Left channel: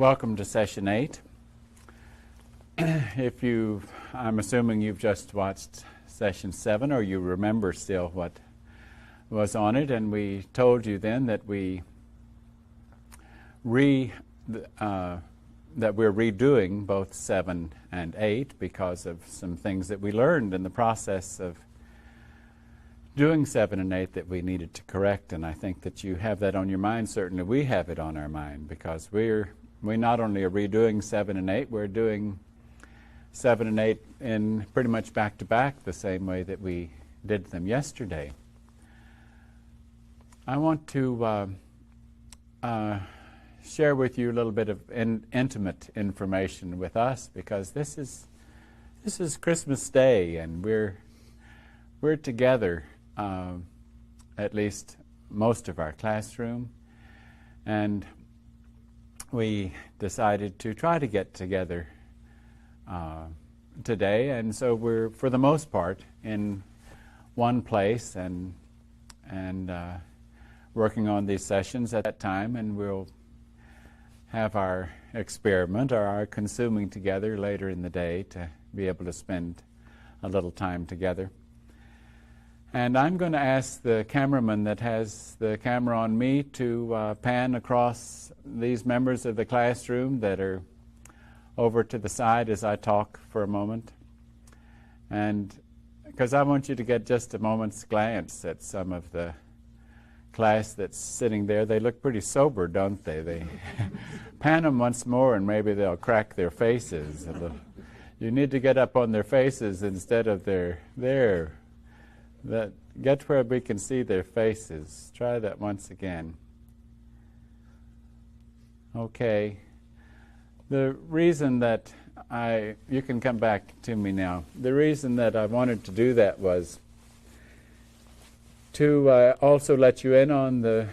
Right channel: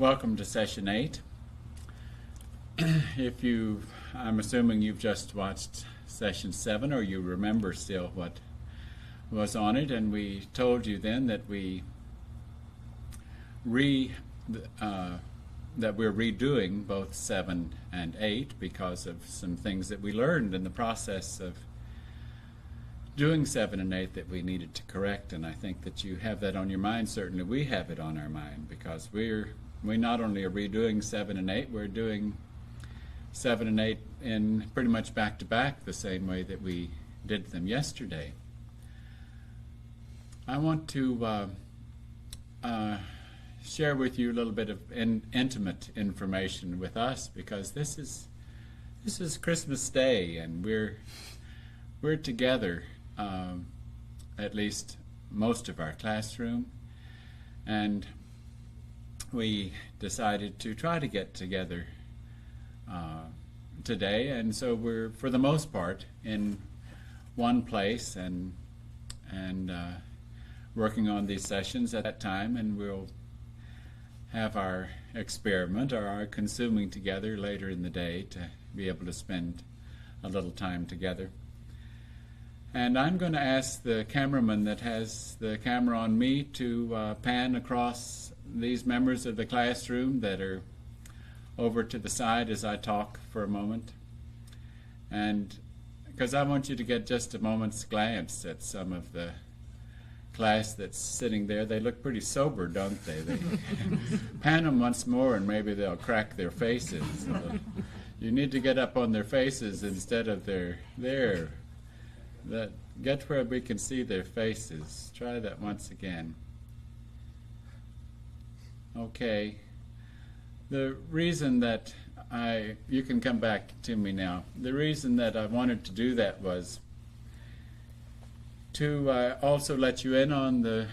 Welcome to Session 8. I'm assuming you've just watched Session 7, or you remember still what was on it, and we told you then that we're redoing both 7 and 8 because of some things that we learned in the process of doing 7 and 8 that we needed to correct, and I think that you have that on your mind. Certainly we have it on our mind, because we not only are redoing 7 and 8, we're doing 7 and 8 in pretty much back to back the same way that we did them yesterday. I want to share with you a little bit of intimate information with us, because this is Christmas Day, and we're together, at least most of our classroom, and we decided to try to get together today, and so we're, for the most part, in one place and working on these sessions at that time, and we'll have our experiment or our consuming together later in the day to be able to spend a little time together. And I'm going to ask the cameraman that has the camera on me to pan across these members of the classroom that are over to the side as I talk for a moment. And because I want you to get just a moment's glance at some of the class that's sitting there. They look pretty sober, don't they? They pan them once more and maybe they'll crack their faces. You need to get up on their faces instead of there. Get where we can see their faces. Try that once again. Okay. The reason that you can come back to me now. The reason that I wanted to do that was to also let you in on the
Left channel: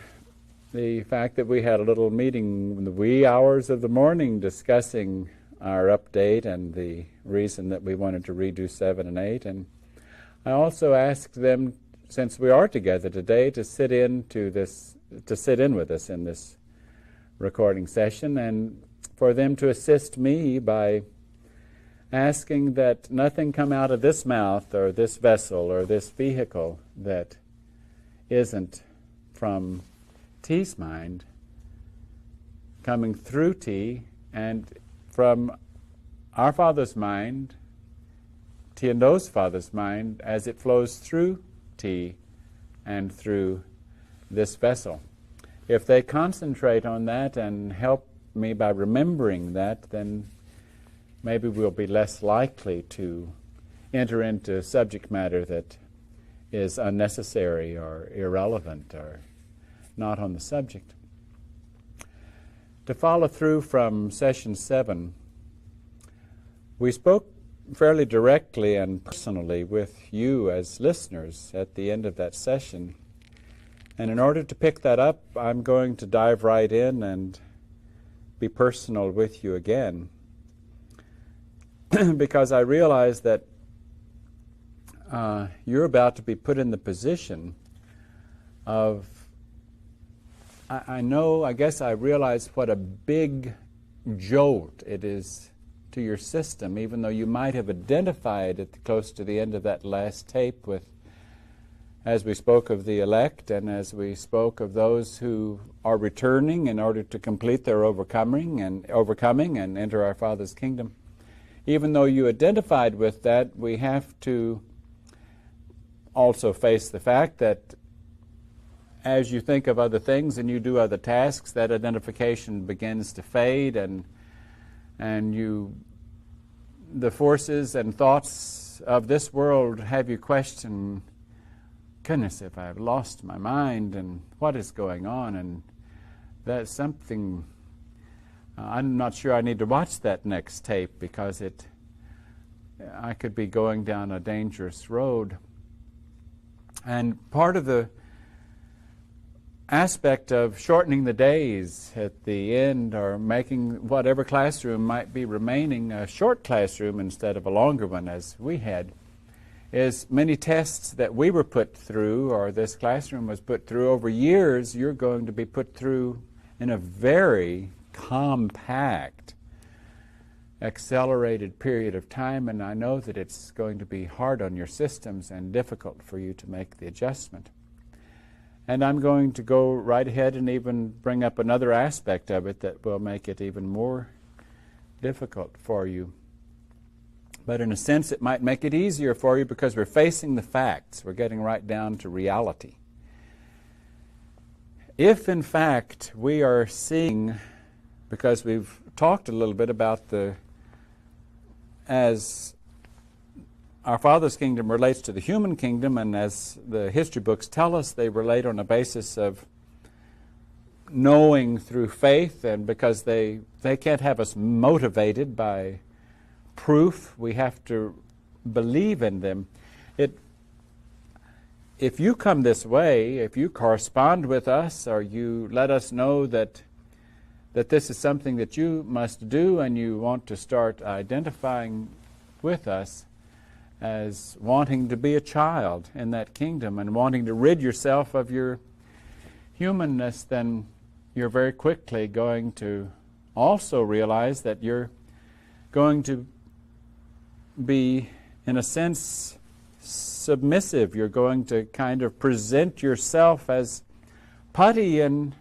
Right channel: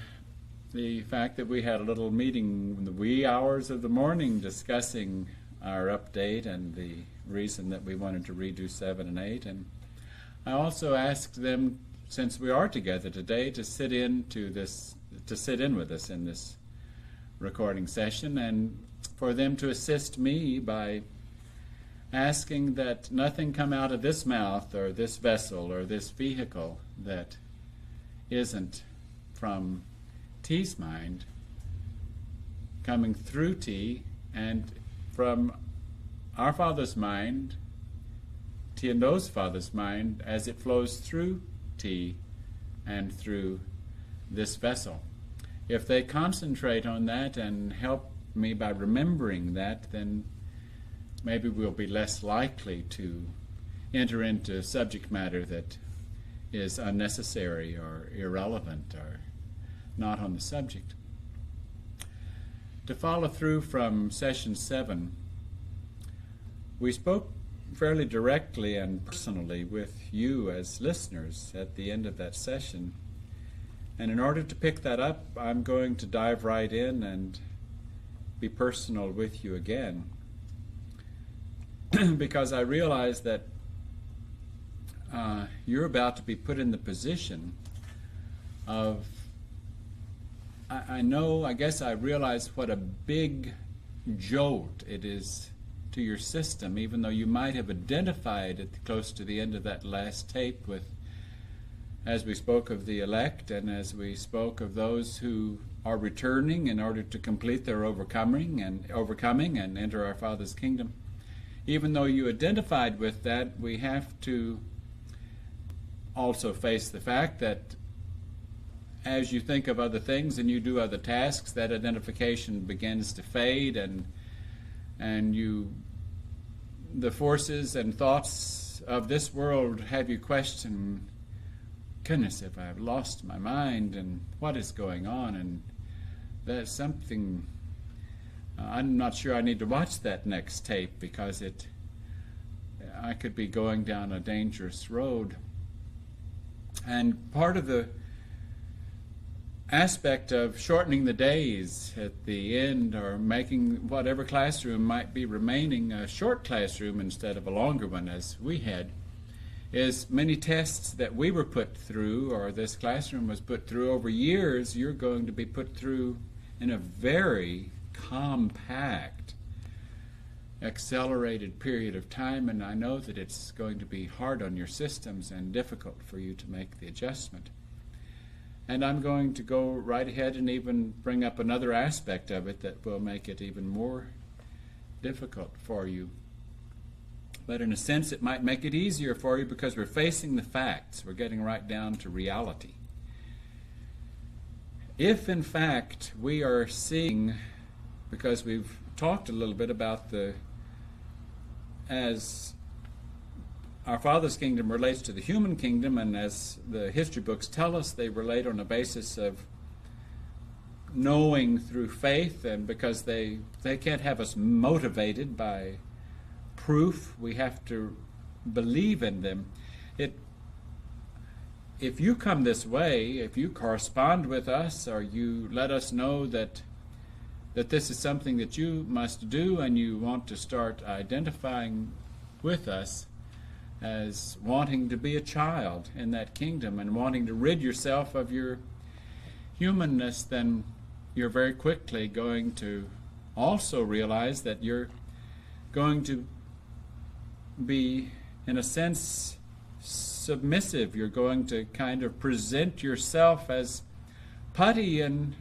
fact that we had a little meeting in the wee hours of the morning discussing our update and the reason that we wanted to redo 7 and 8. And I also asked them, since we are together today, to sit in with us in this recording session, and for them to assist me by asking that nothing come out of this mouth or this vessel or this vehicle that isn't from T's mind, coming through T, and from our Father's mind, T and O's Father's mind, as it flows through T and through this vessel. If they concentrate on that and help me by remembering that, then maybe we'll be less likely to enter into subject matter that is unnecessary or irrelevant or not on the subject. To follow through from Session 7, we spoke fairly directly and personally with you as listeners at the end of that session. And in order to pick that up, I'm going to dive right in and be personal with you again, because I realize that you're about to be put in the position of, I guess I realize what a big jolt it is to your system, even though you might have identified it close to the end of that last tape with, as we spoke of the elect and as we spoke of those who are returning in order to complete their overcoming and enter our Father's kingdom. Even though you identified with that, we have to also face the fact that as you think of other things and you do other tasks, that identification begins to fade, and the forces and thoughts of this world have you question, goodness, if I've lost my mind and what is going on, and that's something, I'm not sure I need to watch that next tape because I could be going down a dangerous road. And part of the aspect of shortening the days at the end, or making whatever classroom might be remaining a short classroom instead of a longer one as we had, is many tests that we were put through, or this classroom was put through over years, you're going to be put through in a very compact, accelerated period of time, and I know that it's going to be hard on your systems and difficult for you to make the adjustment. And I'm going to go right ahead and even bring up another aspect of it that will make it even more difficult for you. But in a sense, it might make it easier for you because we're facing the facts. We're getting right down to reality. If, in fact, we are seeing, because we've talked a little bit about as our Father's kingdom relates to the human kingdom, and as the history books tell us, they relate on a basis of knowing through faith, and because they can't have us motivated by proof, we have to believe in them. If you come this way, if you correspond with us, or you let us know that this is something that you must do, and you want to start identifying with us as wanting to be a child in that kingdom and wanting to rid yourself of your humanness, then you're very quickly going to also realize that you're going to be, in a sense, submissive. You're going to kind of present yourself as putty in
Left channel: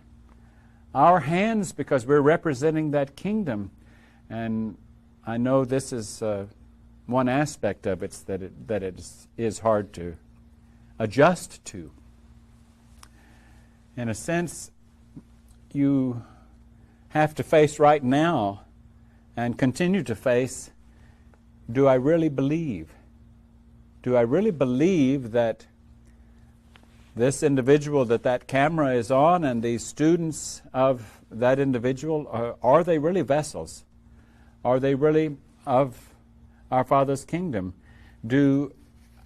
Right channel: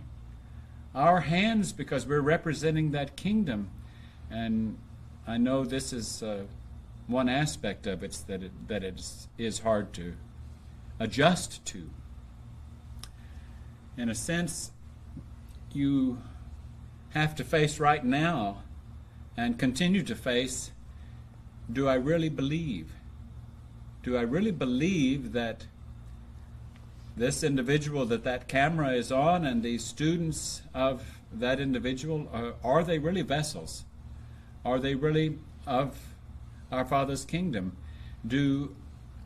our hands because we're representing that kingdom. And I know this is one aspect of it that it is hard to adjust to. In a sense, you have to face right now and continue to face, do I really believe? Do I really believe that this individual that camera is on and these students of that individual, are they really vessels? Are they really of our Father's kingdom?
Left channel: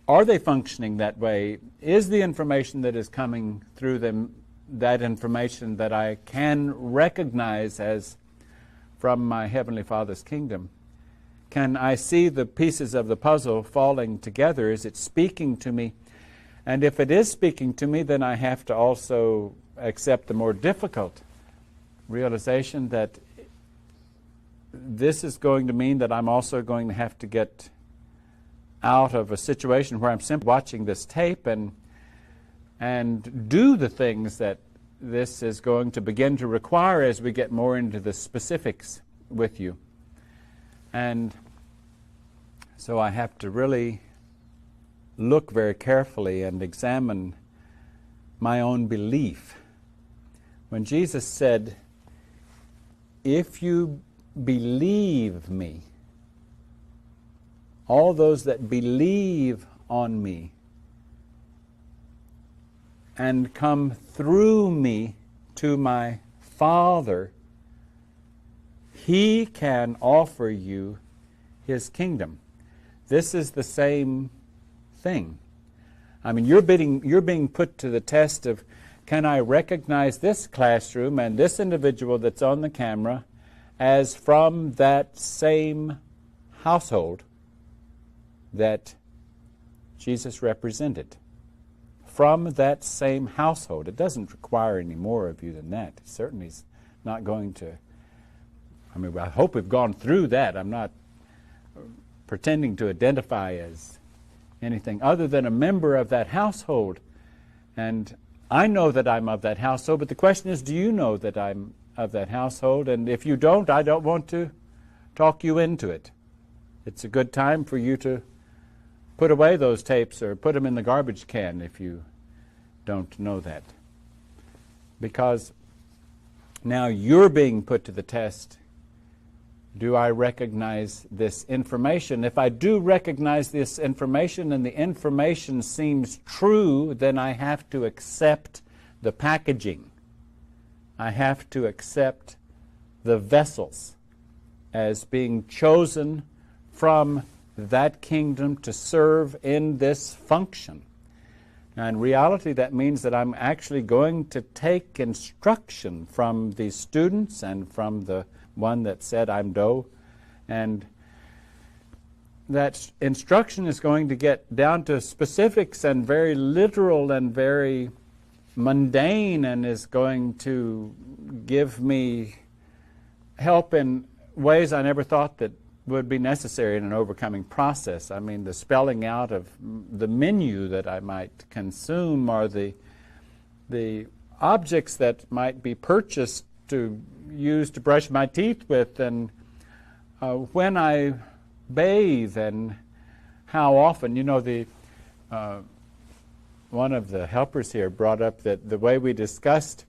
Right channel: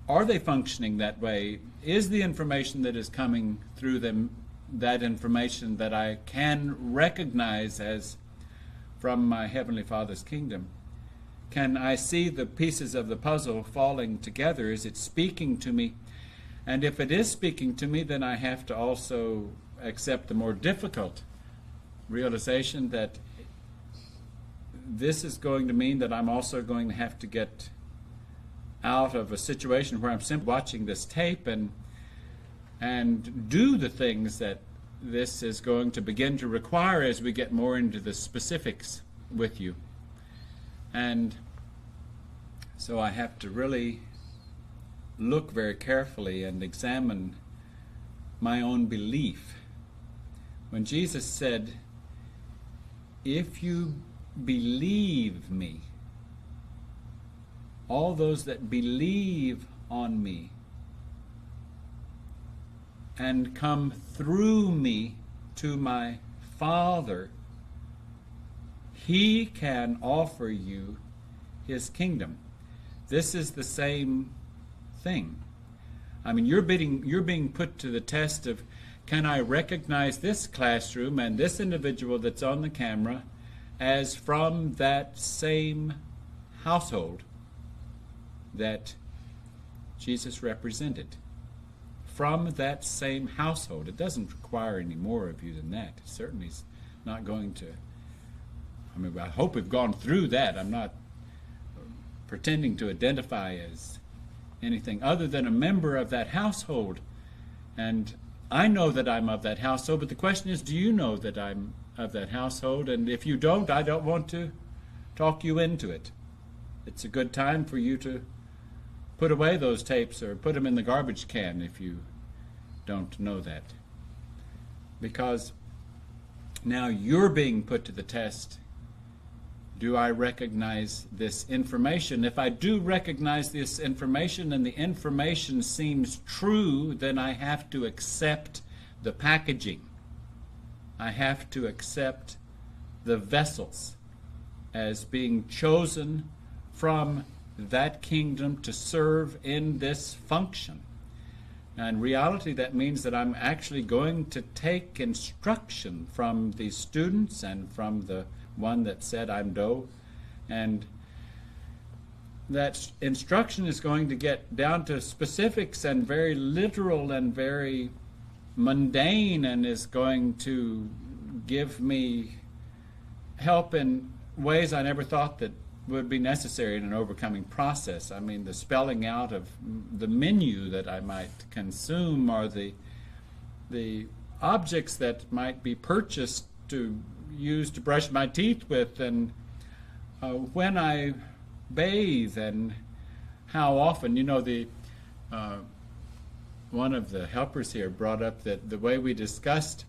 Are they functioning that way? Is the information that is coming through them that information that I can recognize as from my Heavenly Father's kingdom? Can I see the pieces of the puzzle falling together? Is it speaking to me? And if it is speaking to me, then I have to also accept the more difficult realization that this is going to mean that I'm also going to have to get out of a situation where I'm simply watching this tape and do the things that this is going to begin to require as we get more into the specifics with you. And so I have to really look very carefully and examine my own belief. When Jesus said, if you believe me, all those that believe on me and come through me to my Father, He can offer you His kingdom. This is the same thing. I mean, you're being put to the test of, can I recognize this classroom and this individual that's on the camera as from that same household that Jesus represented? From that same household. It doesn't require any more of you than that. It certainly is not going to. I mean, I hope we've gone through that. I'm not pretending to identify as anything other than a member of that household. And I know that I'm of that household, but the question is, do you know that I'm of that household? And if you don't, I don't want to talk you into it. It's a good time for you to put away those tapes or put them in the garbage can if you don't know that. Because now you're being put to the test. Do I recognize this information? If I do recognize this information and the information seems true, then I have to accept the packaging. I have to accept the vessels as being chosen from that kingdom to serve in this function. Now, in reality, that means that I'm actually going to take instruction from these students and from the one that said I'm Doe, and that instruction is going to get down to specifics and very literal and very mundane, and is going to give me help in ways I never thought that would be necessary in an overcoming process. I mean, the spelling out of the menu that I might consume, or the objects that might be purchased to use to brush my teeth with, and when I bathe, and how often. You know, one of the helpers here brought up that the way we discussed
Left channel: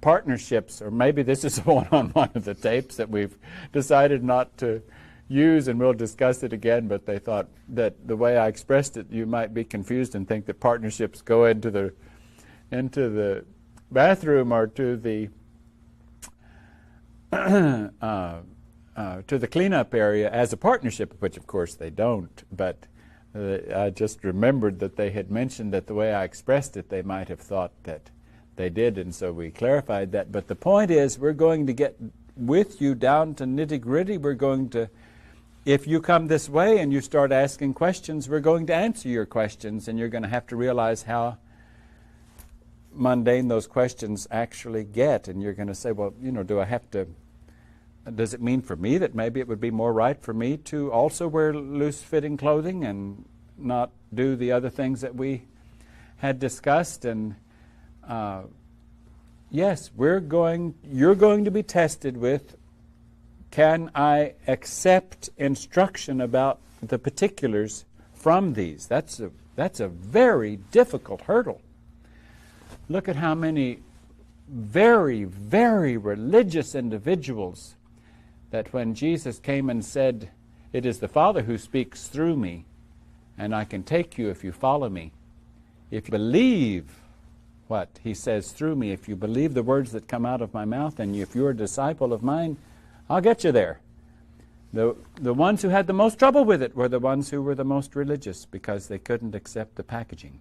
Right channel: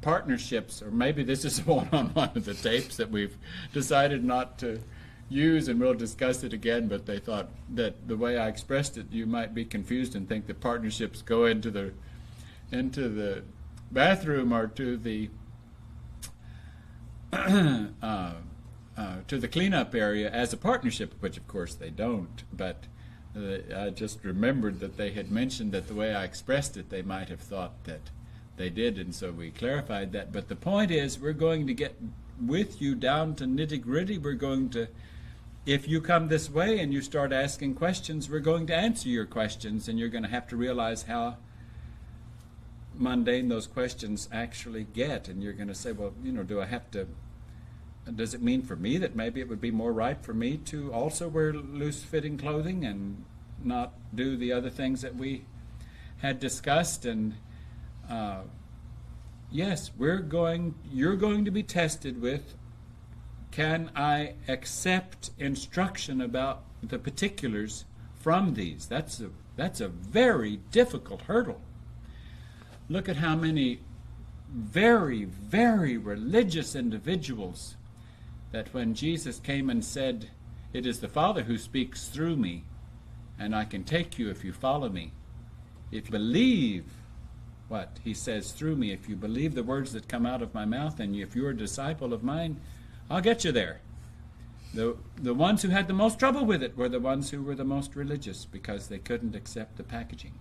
partnerships, or maybe this is one on one of the tapes that we've decided not to use, and we'll discuss it again, but they thought that the way I expressed it, you might be confused and think that partnerships go into the bathroom or to the to the cleanup area as a partnership, which of course they don't. But I just remembered that they had mentioned that the way I expressed it, they might have thought that they did, and so we clarified that. But the point is, we're going to get with you down to nitty-gritty. We're going to, if you come this way and you start asking questions, we're going to answer your questions, and you're going to have to realize how mundane those questions actually get. And you're going to say, well, you know, does it mean for me that maybe it would be more right for me to also wear loose-fitting clothing and not do the other things that we had discussed? And yes, you're going to be tested with, can I accept instruction about the particulars from these? That's a very difficult hurdle. Look at how many very, very religious individuals that when Jesus came and said, "It is the Father who speaks through me, and I can take you if you follow me. If you believe what he says through me, if you believe the words that come out of my mouth, and if you're a disciple of mine, I'll get you there." The ones who had the most trouble with it were the ones who were the most religious, because they couldn't accept the packaging.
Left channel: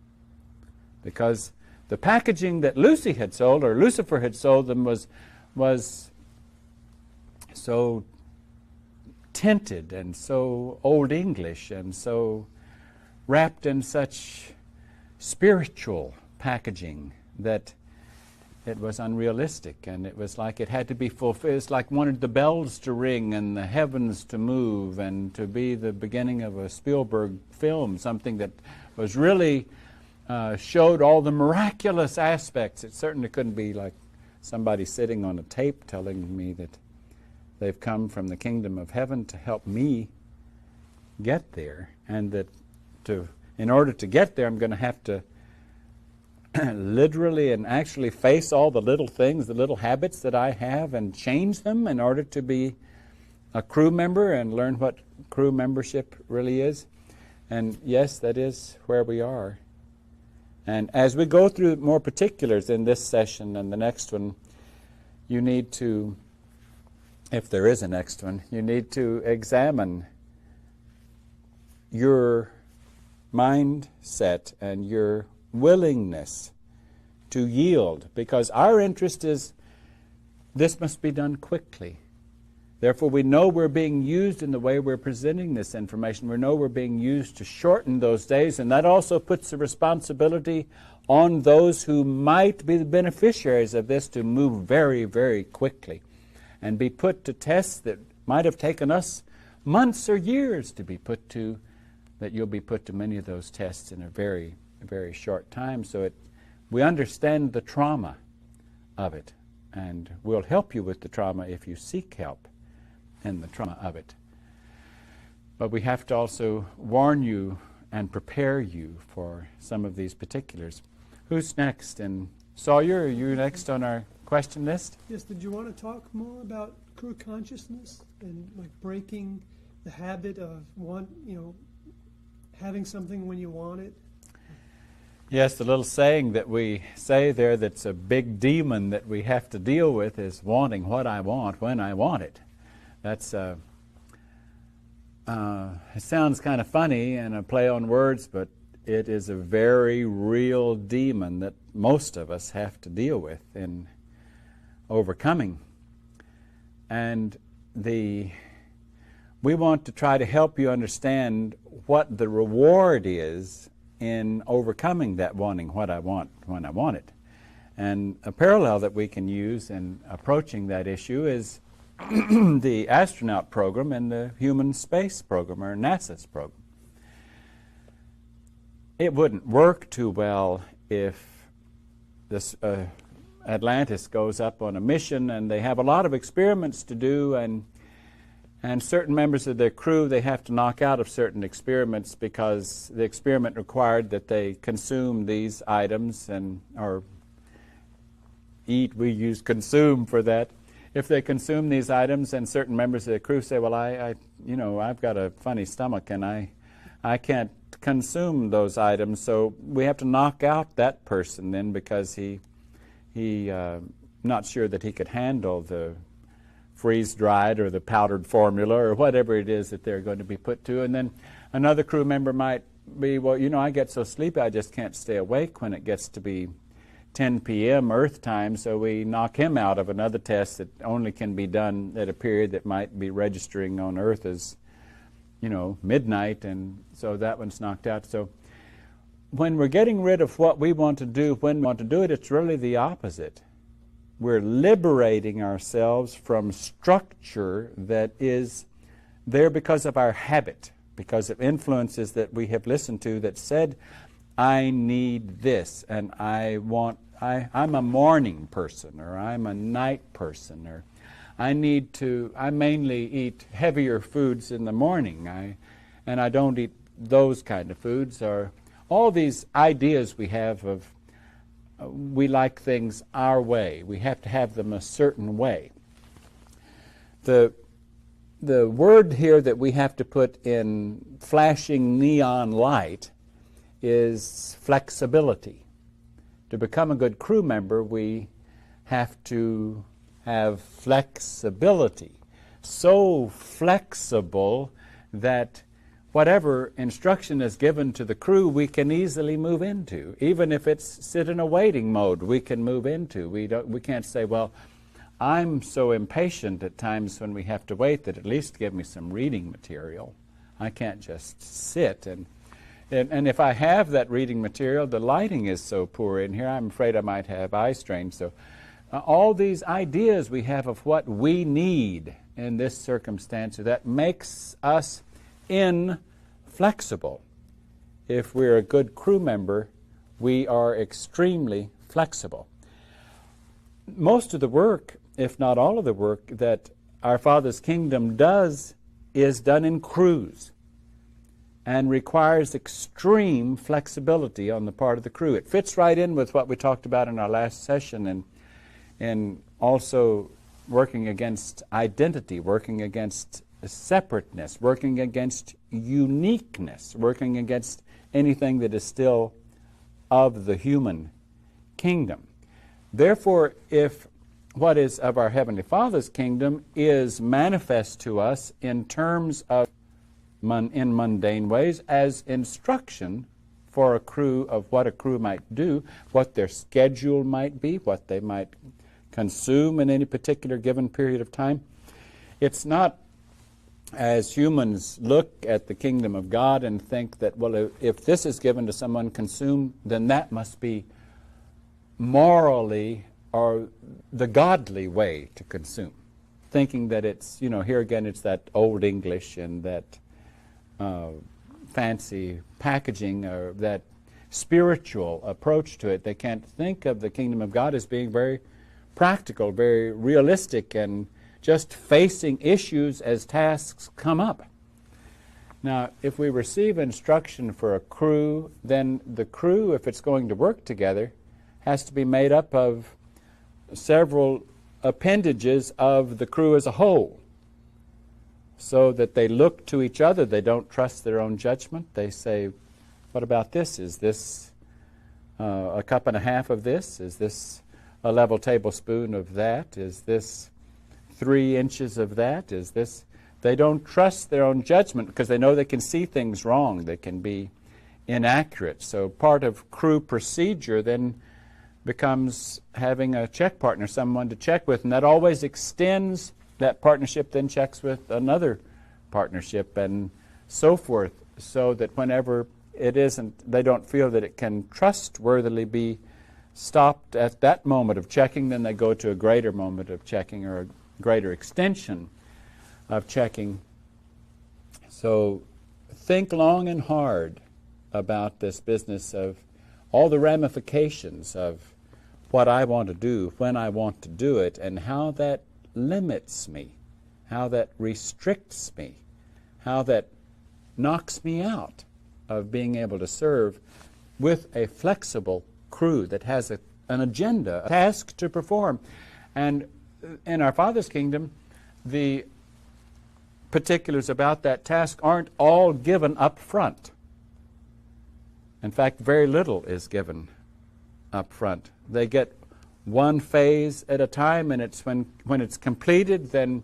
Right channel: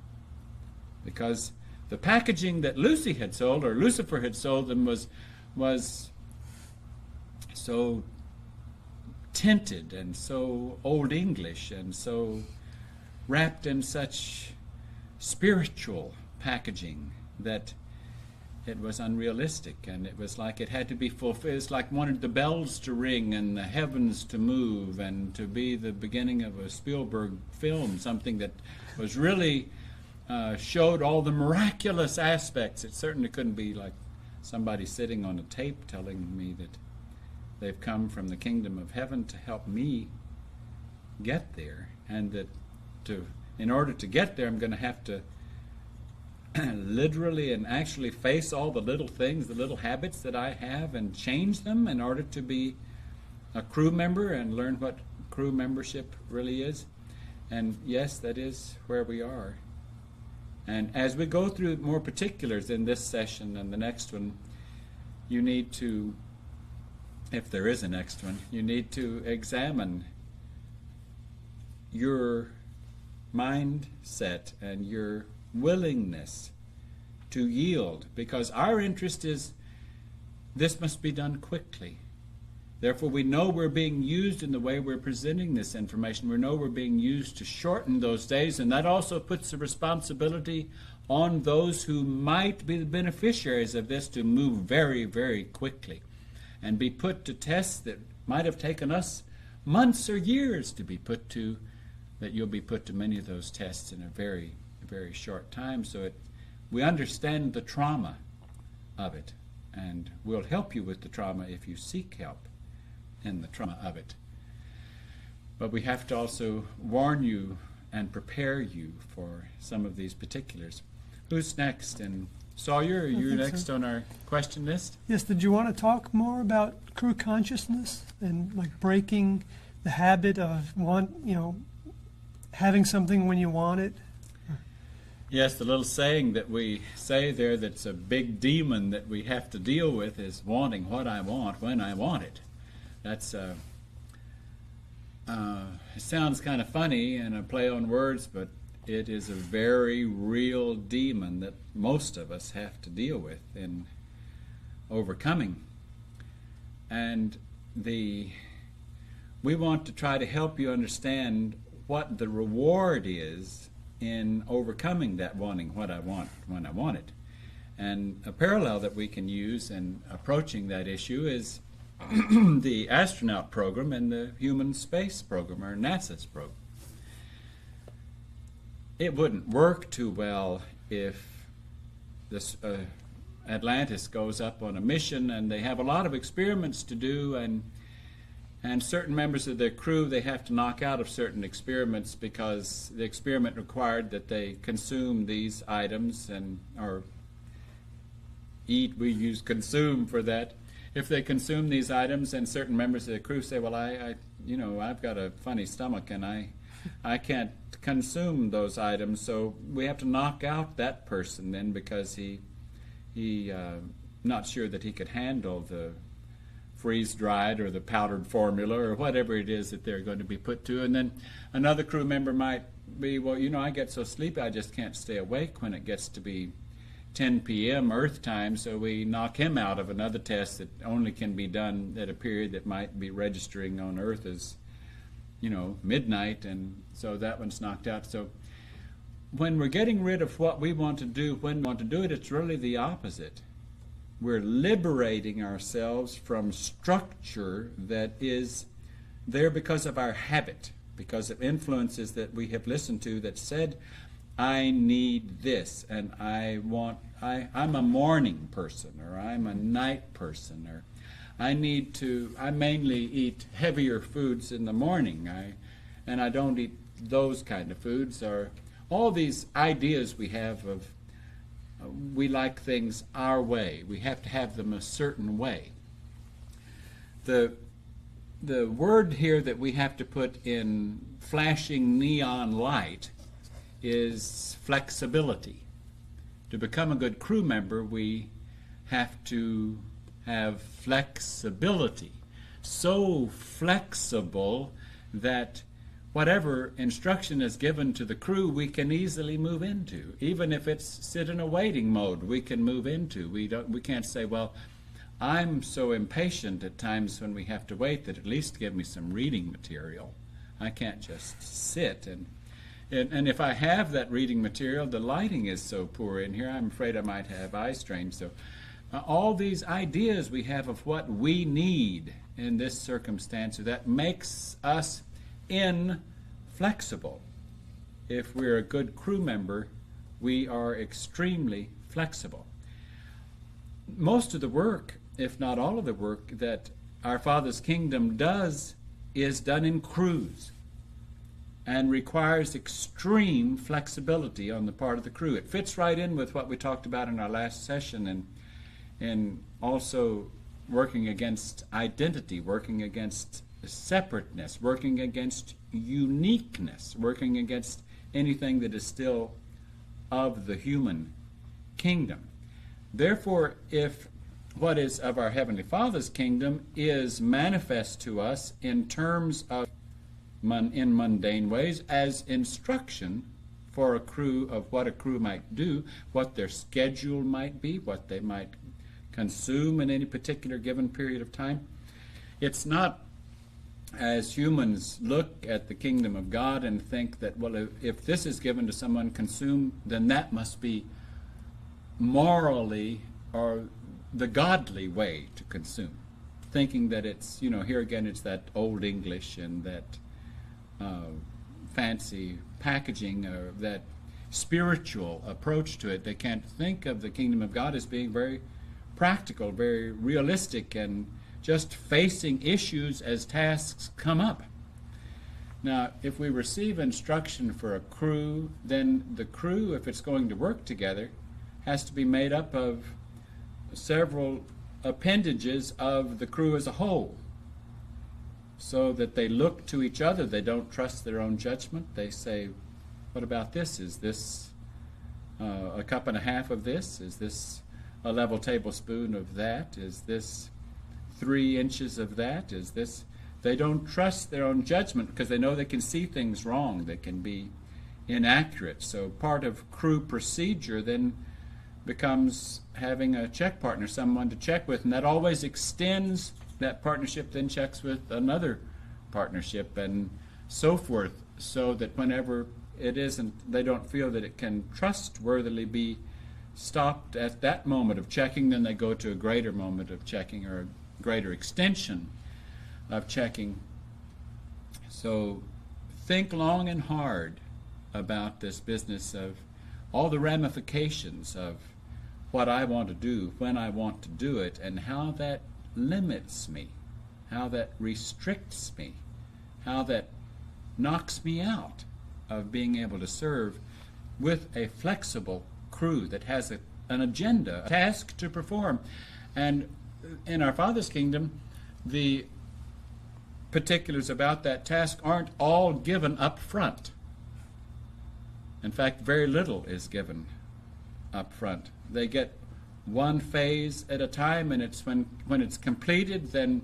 Because the packaging that Lucy had sold, or Lucifer had sold them, was so tinted and so Old English and so wrapped in such spiritual packaging that it was unrealistic, and it was like it had to be fulfilled. It's like wanted the bells to ring and the heavens to move and to be the beginning of a Spielberg film, something that was really showed all the miraculous aspects. It certainly couldn't be like somebody sitting on a tape telling me that they've come from the kingdom of heaven to help me get there, and that in order to get there, I'm going to have to literally and actually face all the little things, the little habits that I have, and change them in order to be a crew member and learn what crew membership really is. And yes, that is where we are. And as we go through more particulars in this session and the next one, you need to, if there is a next one, you need to examine your mindset and your willingness to yield, because our interest is this must be done quickly. Therefore, we know we're being used in the way we're presenting this information. We know we're being used to shorten those days, and that also puts the responsibility on those who might be the beneficiaries of this to move very, very quickly and be put to tests that might have taken us months or years to be put to, that you'll be put to many of those tests in a very, very short time. So we understand the trauma of it, and we'll help you with the trauma if you seek help in the trauma of it. But we have to also warn you and prepare you for some of these particulars. Who's next? And Sawyer, are you next on our question list? Yes, did you want to talk more about crew consciousness and like breaking the habit of having something when you want it? Yes, the little saying that we say there that's a big demon that we have to deal with is wanting what I want when I want it. That's it sounds kind of funny and a play on words, but it is a very real demon that most of us have to deal with in overcoming. And we want to try to help you understand what the reward is in overcoming that wanting what I want when I want it. And a parallel that we can use in approaching that issue is the astronaut program and the human space program, or NASA's program. It wouldn't work too well if this Atlantis goes up on a mission and they have a lot of experiments to do, and certain members of their crew, they have to knock out of certain experiments because the experiment required that they consume these items or eat. We use consume for that. If they consume these items, and certain members of the crew say, well, I've got a funny stomach and I can't consume those items, so we have to knock out that person then because he not sure that he could handle the freeze-dried or the powdered formula or whatever it is that they're going to be put to. And then another crew member might be, well, I get so sleepy I just can't stay awake when it gets to be 10 p.m. Earth time, so we knock him out of another test that only can be done at a period that might be registering on Earth as, midnight, and so that one's knocked out. So when we're getting rid of what we want to do, when we want to do it, it's really the opposite. We're liberating ourselves from structure that is there because of our habit, because of influences that we have listened to that said, I need this, and I'm a morning person, or I'm a night person, or I mainly eat heavier foods in the morning, and I don't eat those kind of foods, or all these ideas we have of we like things our way. We have to have them a certain way. The word here that we have to put in flashing neon light is flexibility. To become a good crew member, we have to have flexibility. So flexible that whatever instruction is given to the crew, we can easily move into. Even if it's sit in a waiting mode, we can move into. We can't say, well, I'm so impatient at times when we have to wait that at least give me some reading material. I can't just sit. And if I have that reading material, the lighting is so poor in here, I'm afraid I might have eye strain. So all these ideas we have of what we need in this circumstance, that makes us inflexible. If we're a good crew member, we are extremely flexible. Most of the work, if not all of the work, that our Father's kingdom does is done in crews and requires extreme flexibility on the part of the crew. It fits right in with what we talked about in our last session, and also working against identity, working against separateness, working against uniqueness, working against anything that is still of the human kingdom. Therefore, if what is of our Heavenly Father's kingdom is manifest to us in terms of in mundane ways as instruction for a crew of what a crew might do, what their schedule might be, what they might consume in any particular given period of time, it's not as humans look at the kingdom of God and think that, well, if this is given to someone consumed, then that must be morally or the godly way to consume. Thinking that it's, here again, it's that old English and that fancy packaging or that spiritual approach to it. They can't think of the kingdom of God as being very practical, very realistic, and just facing issues as tasks come up. Now, if we receive instruction for a crew, then the crew, if it's going to work together, has to be made up of several appendages of the crew as a whole, so that they look to each other. They don't trust their own judgment. They say, what about this? Is this a cup and a half of this? Is this a level tablespoon of that? Is this 3 inches of that? Is this? They don't trust their own judgment because they know they can see things wrong. They can be inaccurate. So part of crew procedure then becomes having a check partner, someone to check with, and that always extends. That partnership then checks with another partnership and so forth, so that whenever it isn't, they don't feel that it can trustworthily be stopped at that moment of checking, then they go to a greater moment of checking or a greater extension of checking. So think long and hard about this business of all the ramifications of what I want to do, when I want to do it, and how that limits me, how that restricts me, how that knocks me out of being able to serve with a flexible crew that has an agenda, a task to perform. And in our Father's kingdom, the particulars about that task aren't all given up front. In fact, very little is given up front. They get one phase at a time, and it's when it's completed, then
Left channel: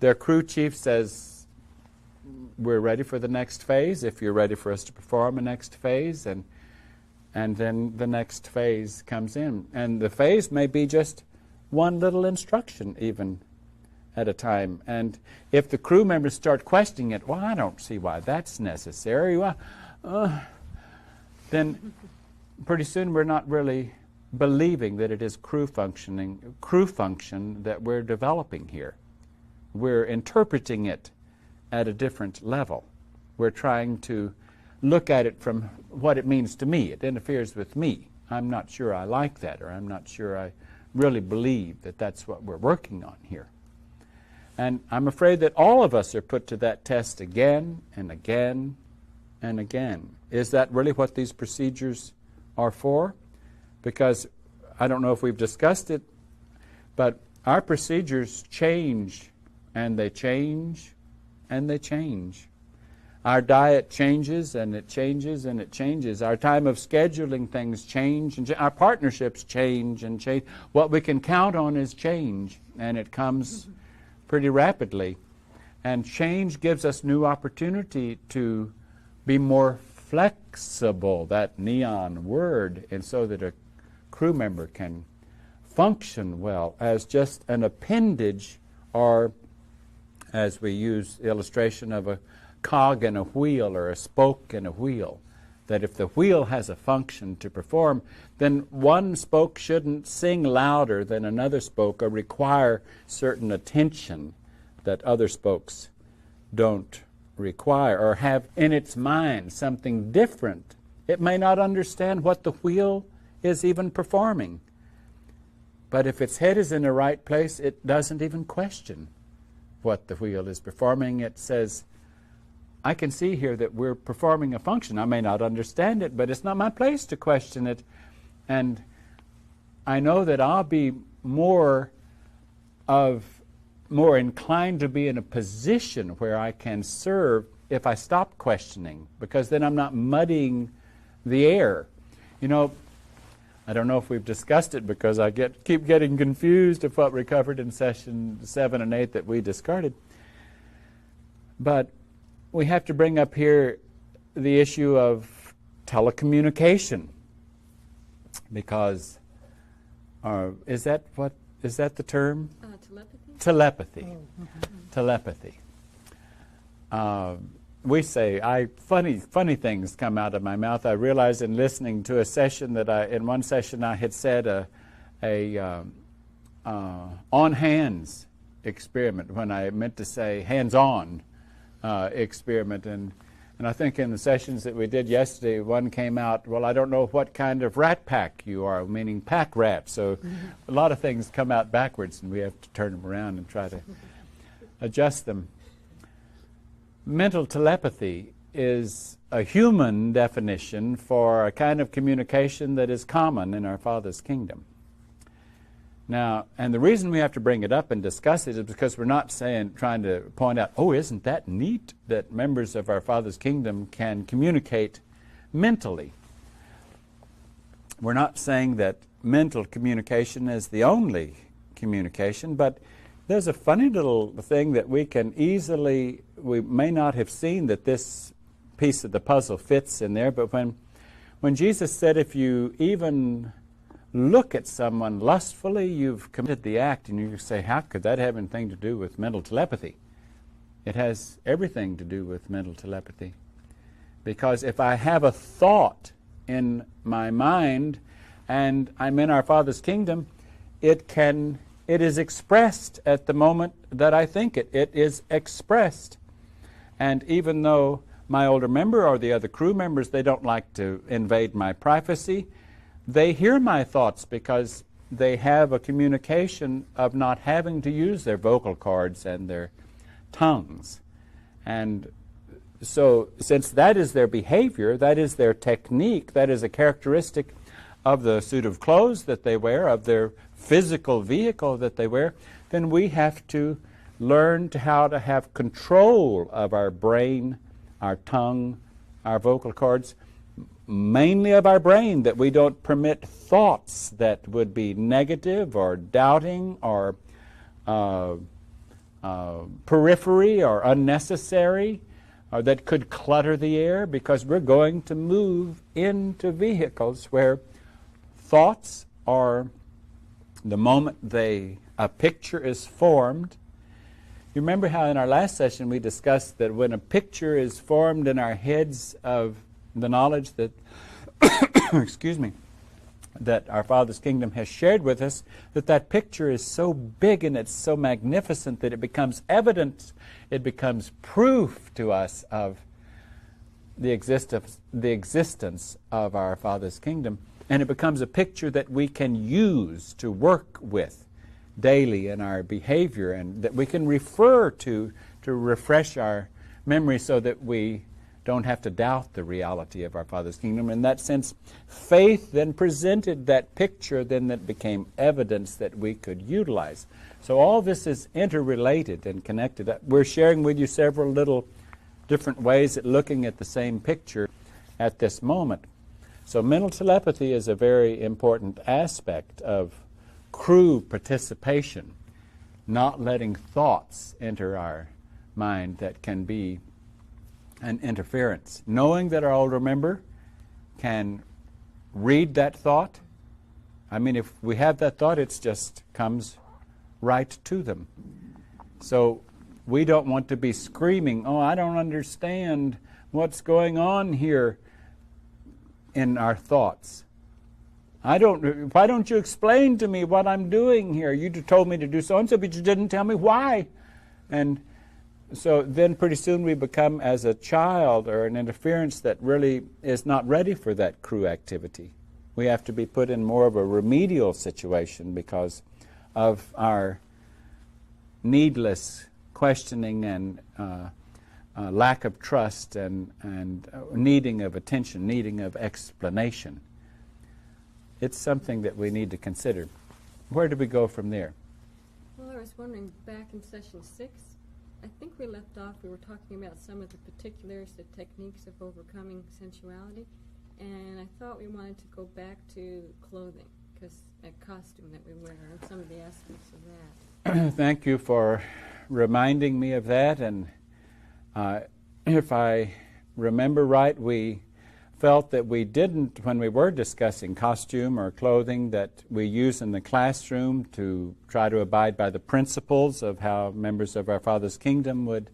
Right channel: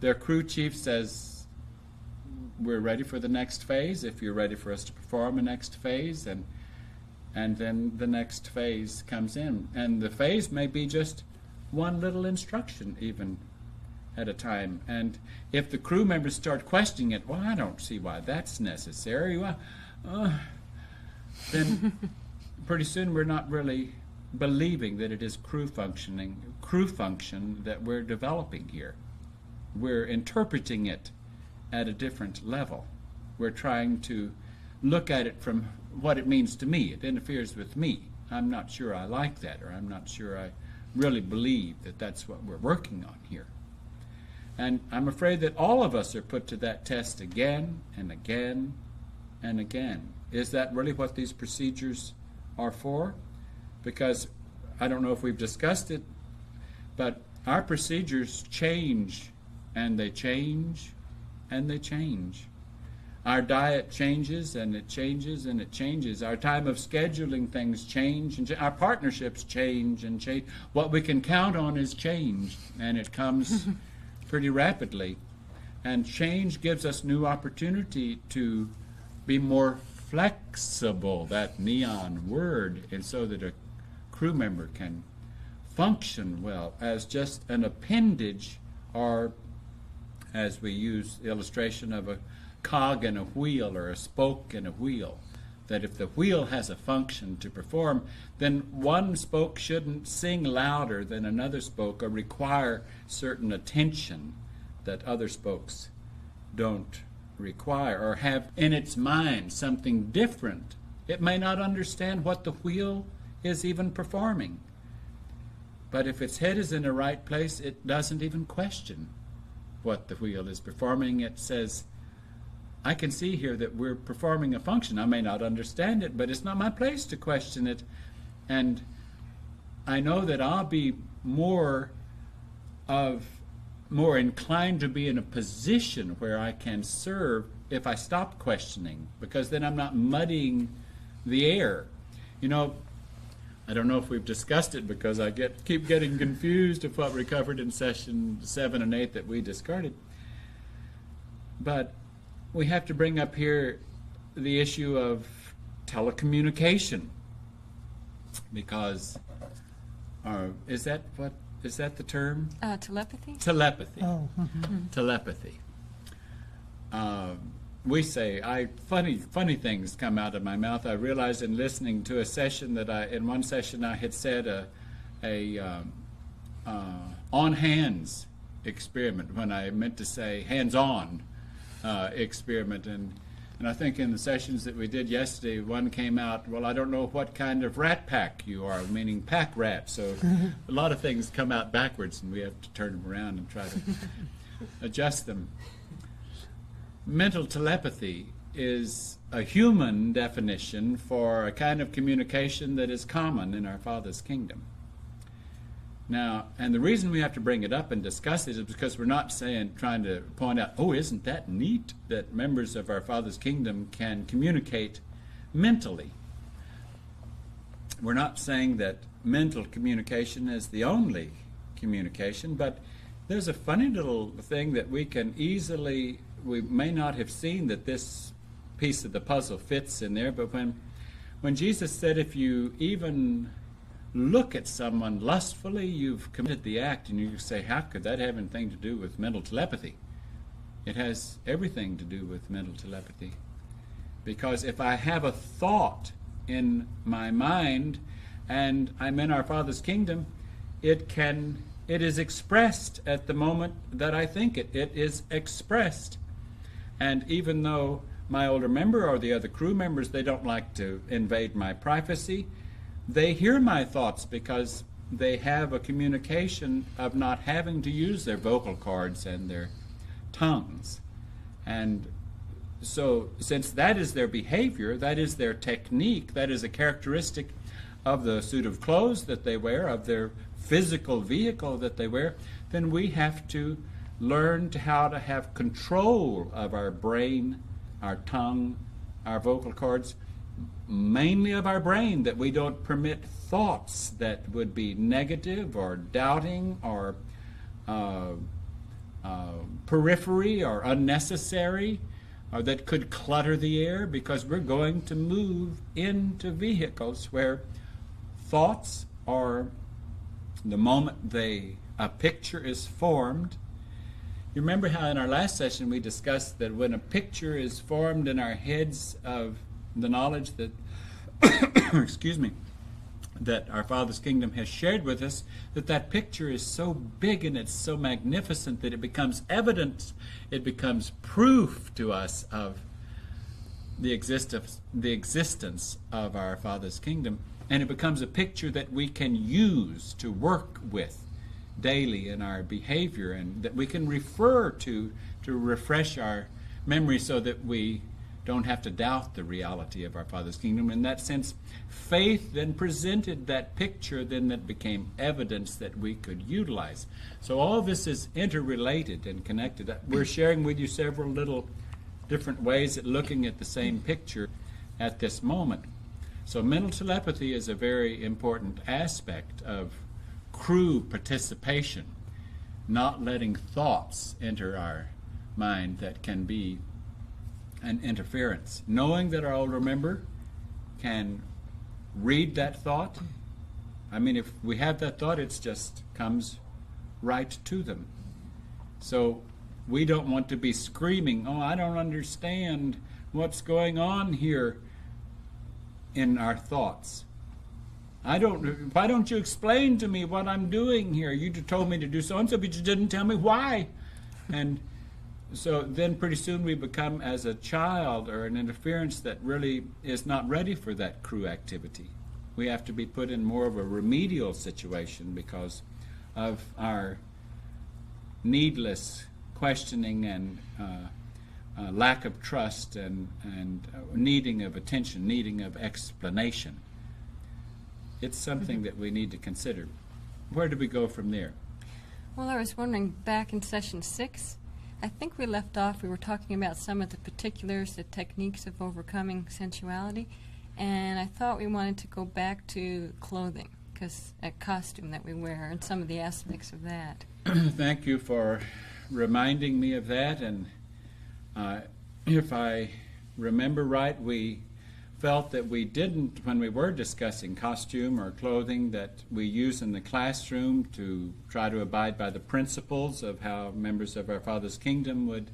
their crew chief says, we're ready for the next phase, if you're ready for us to perform a next phase, and then the next phase comes in. And the phase may be just one little instruction even at a time. And if the crew members start questioning it, well, I don't see why that's necessary, then pretty soon we're not really believing that it is crew function that we're developing here. We're interpreting it at a different level. We're trying to look at it from what it means to me. It interferes with me. I'm not sure I like that, or I'm not sure I really believe that that's what we're working on here. And I'm afraid that all of us are put to that test again and again and again. Is that really what these procedures are for? Because I don't know if we've discussed it, but our procedures change, and they change, and they change. Our diet changes, and it changes, and it changes. Our time of scheduling things change, and our partnerships change and change. What we can count on is change, and it comes pretty rapidly. And change gives us new opportunity to be more flexible, that neon word, and so that a crew member can function well as just an appendage, or as we use the illustration of a cog in a wheel or a spoke in a wheel, that if the wheel has a function to perform, then one spoke shouldn't sing louder than another spoke or require certain attention that other spokes don't require, or have in its mind something different. It may not understand what the wheel is even performing, but if its head is in the right place, it doesn't even question what the wheel is performing. It says, I can see here that we're performing a function. I may not understand it, but it's not my place to question it. And I know that I'll be more inclined to be in a position where I can serve if I stop questioning, because then I'm not muddying the air. You know, I don't know if we've discussed it, because I keep getting confused of what we covered in session 7 and 8 that we discarded. But we have to bring up here the issue of telecommunication, because is that the term? Telepathy? Telepathy. Oh. Telepathy. We say, funny things come out of my mouth. I realized in listening to a session in one session I had said a on hands experiment when I meant to say hands-on experiment. And I think in the sessions that we did yesterday, one came out, well, I don't know what kind of rat pack you are, meaning pack rat. So a lot of things come out backwards, and we have to turn them around and try to adjust them. Mental telepathy is a human definition for a kind of communication that is common in our Father's kingdom. Now, and the reason we have to bring it up and discuss it is because we're not trying to point out, oh, isn't that neat that members of our Father's kingdom can communicate mentally. We're not saying that mental communication is the only communication, but there's a funny little thing that we may not have seen that this piece of the puzzle fits in there, but when Jesus said, if you even look at someone lustfully, you've committed the act, and you say, how could that have anything to do with mental telepathy? It has everything to do with mental telepathy. Because if I have a thought in my mind and I'm in our Father's kingdom, it can it is expressed at the moment that I think it. It is expressed. And even though my older member or the other crew members, they don't like to invade my privacy, they hear my thoughts because they have a communication of not having to use their vocal cords and their tongues. And so since that is their behavior, that is their technique, that is a characteristic of the suit of clothes that they wear, of their physical vehicle that they wear, then we have to learn how to have control of our brain, our tongue, our vocal cords, mainly of our brain, that we don't permit thoughts that would be negative or doubting or periphery or unnecessary, or that could clutter the air, because we're going to move into vehicles where thoughts are, the moment a picture is formed. You remember how in our last session we discussed that when a picture is formed in our heads of the knowledge that excuse me, that our Father's kingdom has shared with us, that picture is so big and it's so magnificent that it becomes evidence, it becomes proof to us of the existence of our Father's kingdom, and it becomes a picture that we can use to work with daily in our behavior, and that we can refer to refresh our memory so that we don't have to doubt the reality of our Father's kingdom. In that sense, faith then presented that picture, then it became evidence that we could utilize. So all this is interrelated and connected. We're sharing with you several little different ways at looking at the same picture at this moment. So mental telepathy is a very important aspect of crew participation, not letting thoughts enter our mind that can be an interference. Knowing that our older member can read that thought. I mean, if we have that thought, it just comes right to them. So we don't want to be screaming, "Oh, I don't understand what's going on here," in our thoughts. Why don't you explain to me what I'm doing here? You told me to do so-and-so, but you didn't tell me why. And so then pretty soon we become as a child, or an interference that really is not ready for that crew activity. We have to be put in more of a remedial situation because of our needless questioning and lack of trust and needing of attention, needing of explanation. It's something that we need to consider. Where do we go from there? Well, I was wondering, back in session 6, I think we left off, we were talking about some of the particulars, the techniques of overcoming sensuality, and I thought we wanted to go back to clothing, because a costume that we wear, and some of the aspects of that. Thank you for reminding me of that, and if I remember right, we felt that we didn't, when we were discussing costume or clothing that we use in the classroom to try to abide by the principles of how members of our Father's kingdom would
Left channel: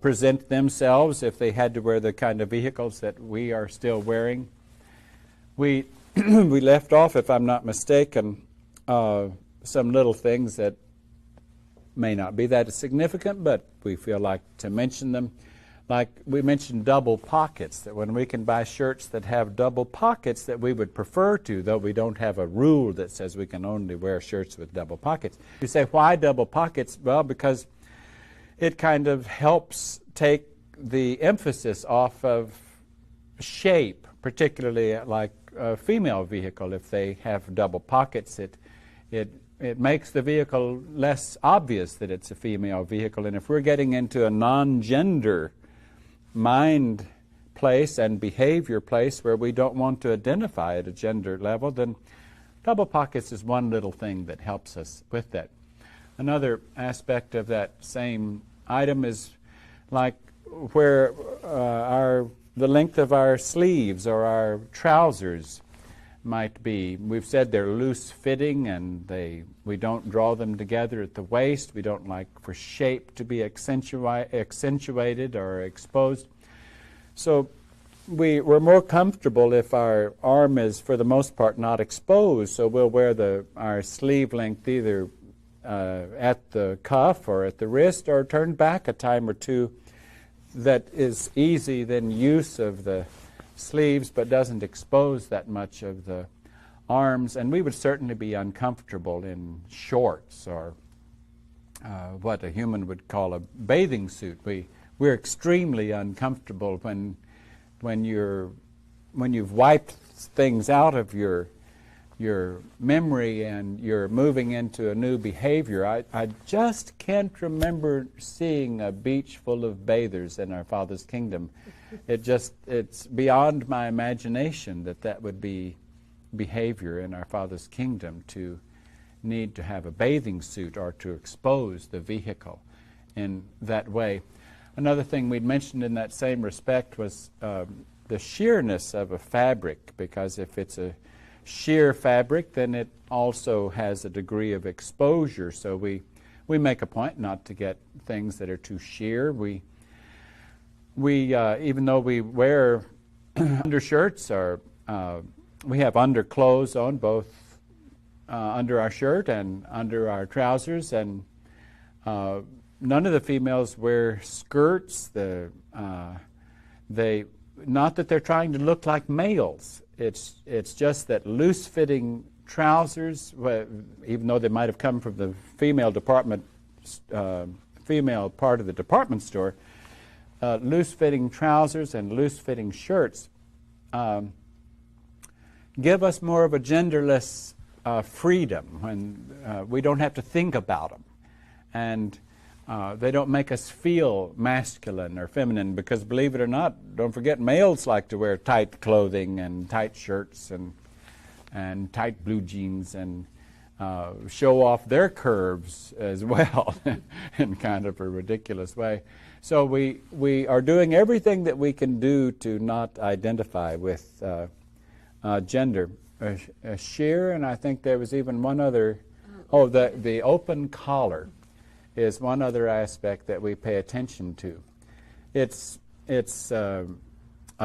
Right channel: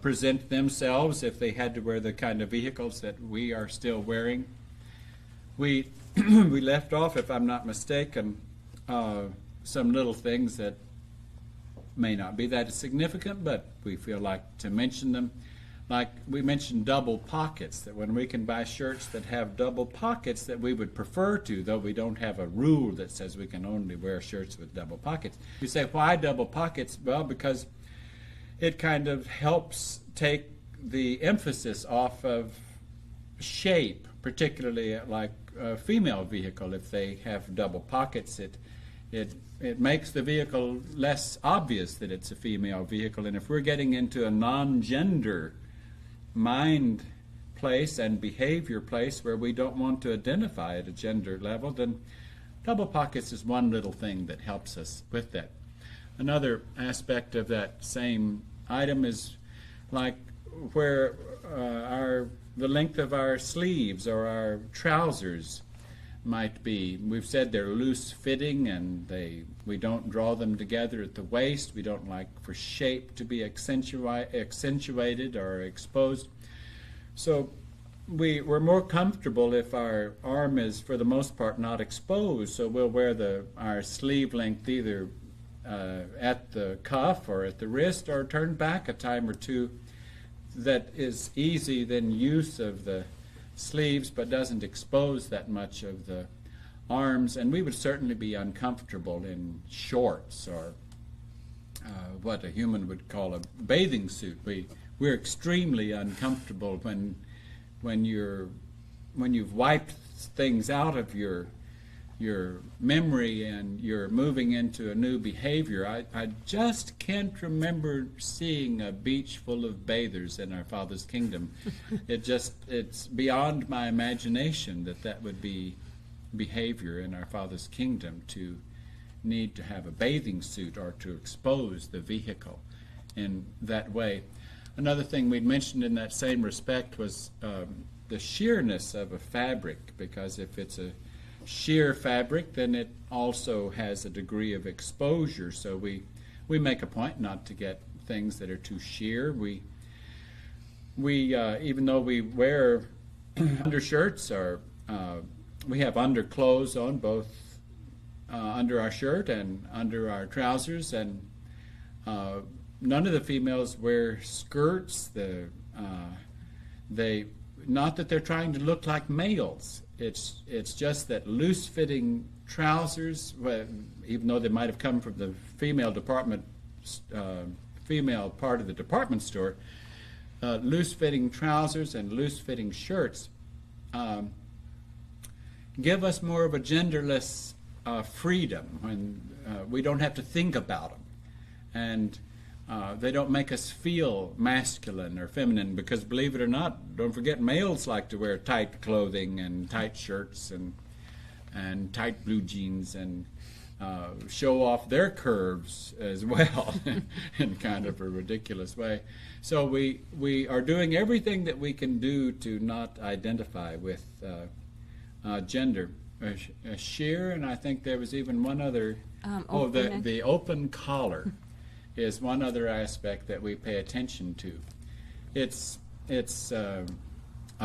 present themselves if they had to wear the kind of vehicles that we are still wearing. We we left off, if I'm not mistaken, some little things that may not be that significant, but we feel like to mention them. Like we mentioned double pockets, that when we can buy shirts that have double pockets that we would prefer to, though we don't have a rule that says we can only wear shirts with double pockets. You say, why double pockets? Well, because it kind of helps take the emphasis off of shape, particularly like a female vehicle. If they have double pockets, it makes the vehicle less obvious that it's a female vehicle. And if we're getting into a non-gender mind place and behavior place where we don't want to identify at a gender level, then double pockets is one little thing that helps us with that. Another aspect of that same item is like where the length of our sleeves or our trousers might be. We've said they're loose fitting and we don't draw them together at the waist. We don't like for shape to be accentuated or exposed. So we're more comfortable if our arm is, for the most part, not exposed. So we'll wear our sleeve length either at the cuff or at the wrist, or turned back a time or two. That is easy then use of the sleeves, but doesn't expose that much of the arms. And we would certainly be uncomfortable in shorts or what a human would call a bathing suit. We're extremely uncomfortable when you've wiped things out of your memory and you're moving into a new behavior. I just can't remember seeing a beach full of bathers in our Father's kingdom. It's beyond my imagination that would be behavior in our Father's kingdom, to need to have a bathing suit or to expose the vehicle in that way. Another thing we'd mentioned in that same respect was the sheerness of a fabric, because if it's a sheer fabric, then it also has a degree of exposure. So we make a point not to get things that are too sheer. We even though we wear undershirts, or we have underclothes on, both under our shirt and under our trousers, and none of the females wear skirts. Not that they're trying to look like males. It's just that loose-fitting trousers, even though they might have come from the female part of the department store, loose-fitting trousers and loose-fitting shirts give us more of a genderless freedom, when we don't have to think about them. And they don't make us feel masculine or feminine, because, believe it or not, don't forget, males like to wear tight clothing and tight shirts and tight blue jeans and show off their curves as well in kind of a ridiculous way. So we are doing everything that we can do to not identify with gender. Sheer, and I think there was even one other, the open collar is one other aspect that we pay attention to. It's a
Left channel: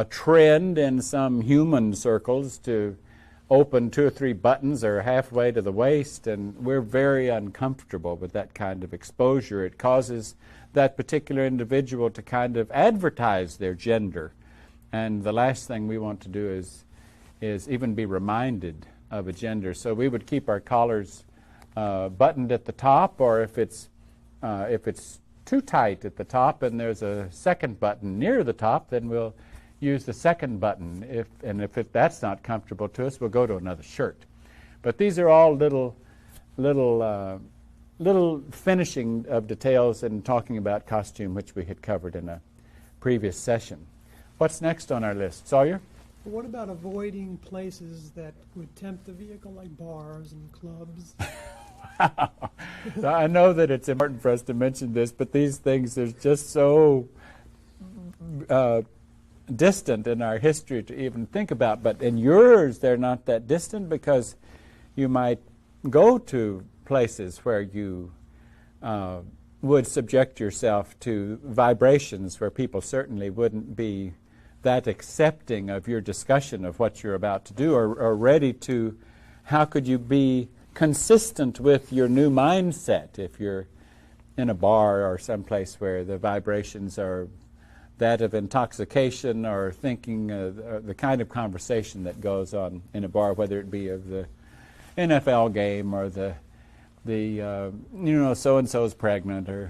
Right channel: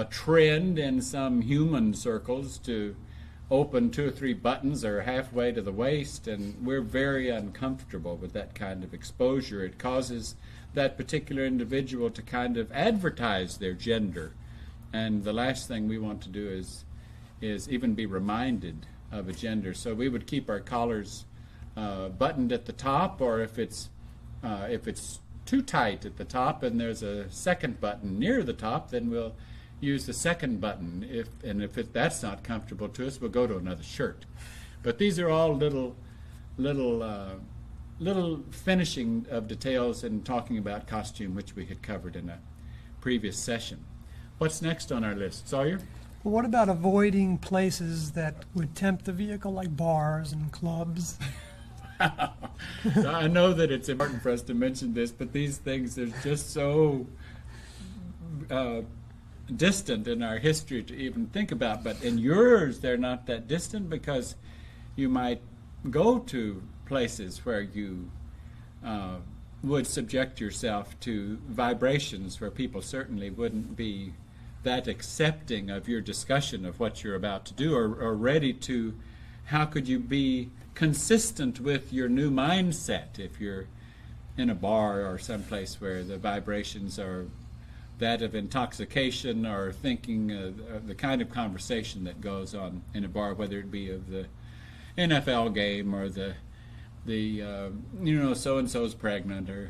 trend in some human circles to open 2 or 3 buttons or halfway to the waist, and we're very uncomfortable with that kind of exposure. It causes that particular individual to kind of advertise their gender, and the last thing we want to do is even be reminded of a gender. So we would keep our collars buttoned at the top, or if it's too tight at the top and there's a second button near the top, then we'll use the second button. If that's not comfortable to us, we'll go to another shirt. But these are all little finishing of details in talking about costume, which we had covered in a previous session. What's next on our list? Sawyer? Well, what about avoiding places that would tempt the vehicle, like bars and clubs? So I know that it's important for us to mention this, but these things are just so distant in our history to even think about. But in yours, they're not that distant, because you might go to places where you would subject yourself to vibrations where people certainly wouldn't be that accepting of your discussion of what you're about to do, or ready to, how could you be consistent with your new mindset if you're in a bar or someplace where the vibrations are that of intoxication, or thinking the kind of conversation that goes on in a bar, whether it be of the NFL game or the so-and-so's pregnant, or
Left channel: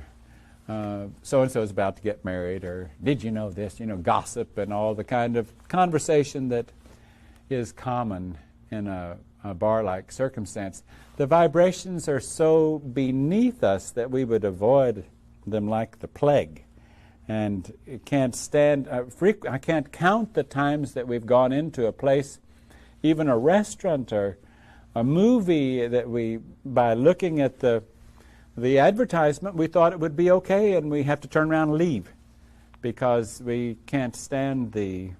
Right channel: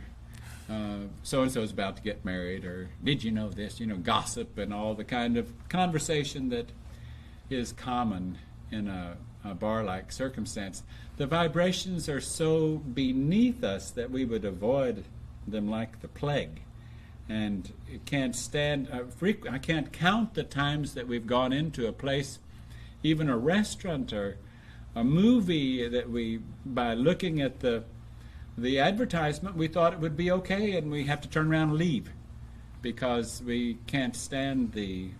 so-and-so's about to get married, or did you know this, gossip and all the kind of conversation that is common in a bar-like circumstance. The vibrations are so beneath us that we would avoid them like the plague. And it can't stand, I can't count the times that we've gone into a place, even a restaurant or a movie, that we, by looking at the advertisement, we thought it would be okay, and we have to turn around and leave because we can't stand the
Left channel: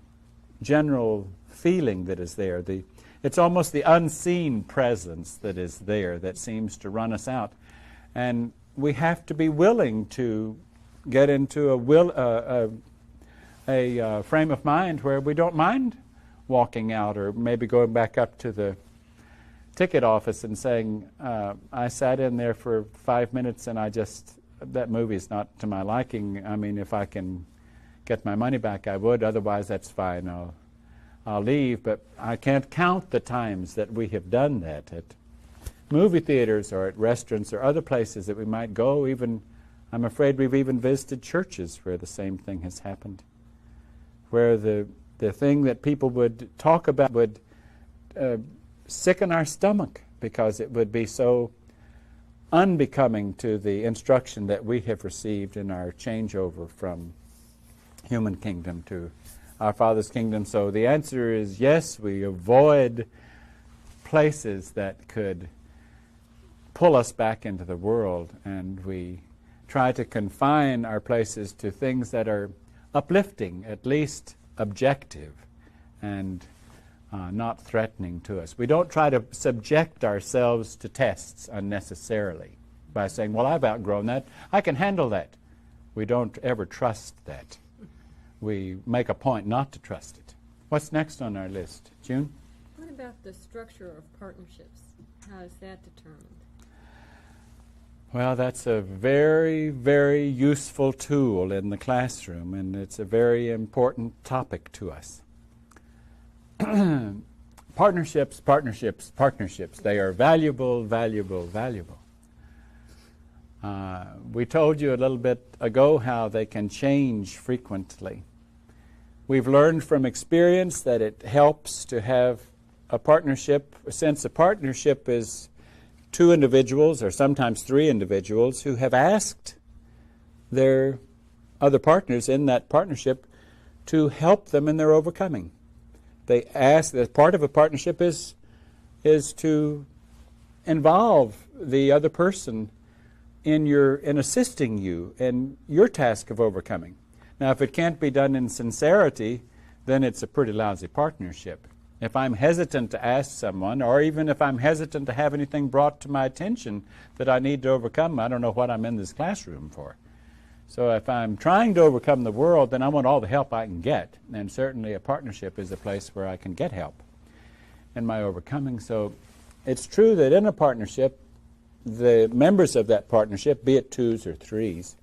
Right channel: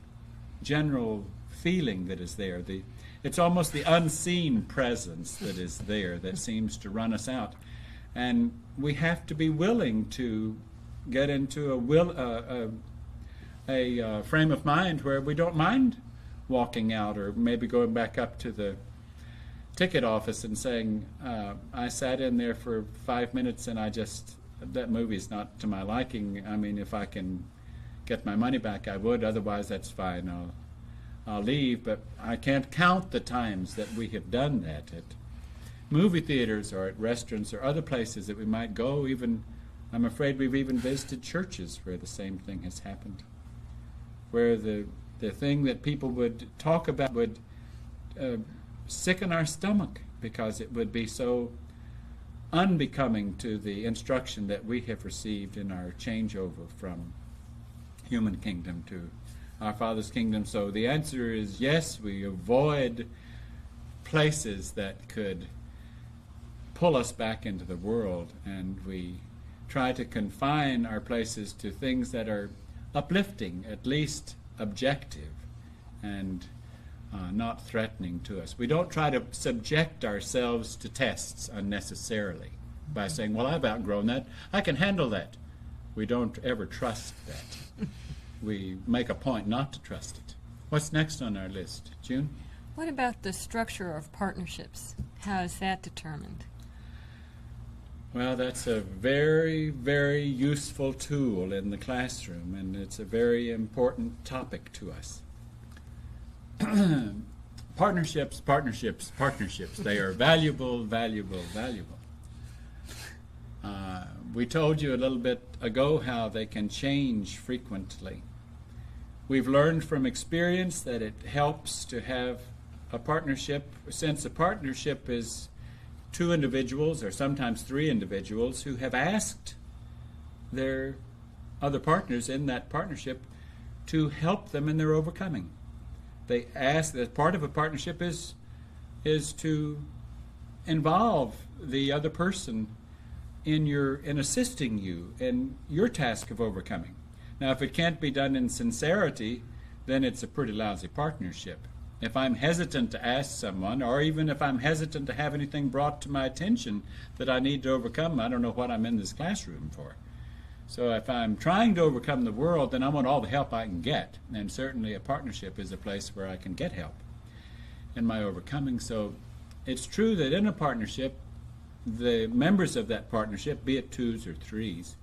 general feeling that is there. It's almost the unseen presence that is there that seems to run us out. And we have to be willing to get into a frame of mind where we don't mind walking out or maybe going back up to the ticket office and saying, I sat in there for 5 minutes and that movie's not to my liking. I mean, if I can get my money back, I would. Otherwise, that's fine. I'll leave. But I can't count the times that we have done that at movie theaters or at restaurants or other places that we might go. Even, I'm afraid we've even visited churches where the same thing has happened, where the thing that people would talk about would sicken our stomach because it would be so unbecoming to the instruction that we have received in our changeover from human kingdom to our Father's kingdom. So the answer is yes, we avoid places that could pull us back into the world, and we try to confine our places to things that are uplifting, at least objective, and not threatening to us. We don't try to subject ourselves to tests unnecessarily by saying, well, I've outgrown that, I can handle that. We don't ever trust that. We make a point not to trust it. What's next on our list? June? What about the structure of partnerships? How is that determined? Well, that's a very, very useful tool in the classroom, and it's a very important topic to us. Partnerships. They are valuable, valuable, valuable. We told you a little bit ago how they can change frequently. We've learned from experience that it helps to have a partnership, since a partnership is two individuals or sometimes three individuals who have asked their other partners in that partnership to help them in their overcoming. They ask that part of a partnership is to involve the other person in assisting you in your task of overcoming. Now, if it can't be done in sincerity, then it's a pretty lousy partnership. If I'm hesitant to ask someone, or even if I'm hesitant to have anything brought to my attention that I need to overcome, I don't know what I'm in this classroom for. So if I'm trying to overcome the world, then I want all the help I can get. And certainly a partnership is a place where I can get help in my overcoming. So it's true that in a partnership, the members of that partnership, be it twos or threes,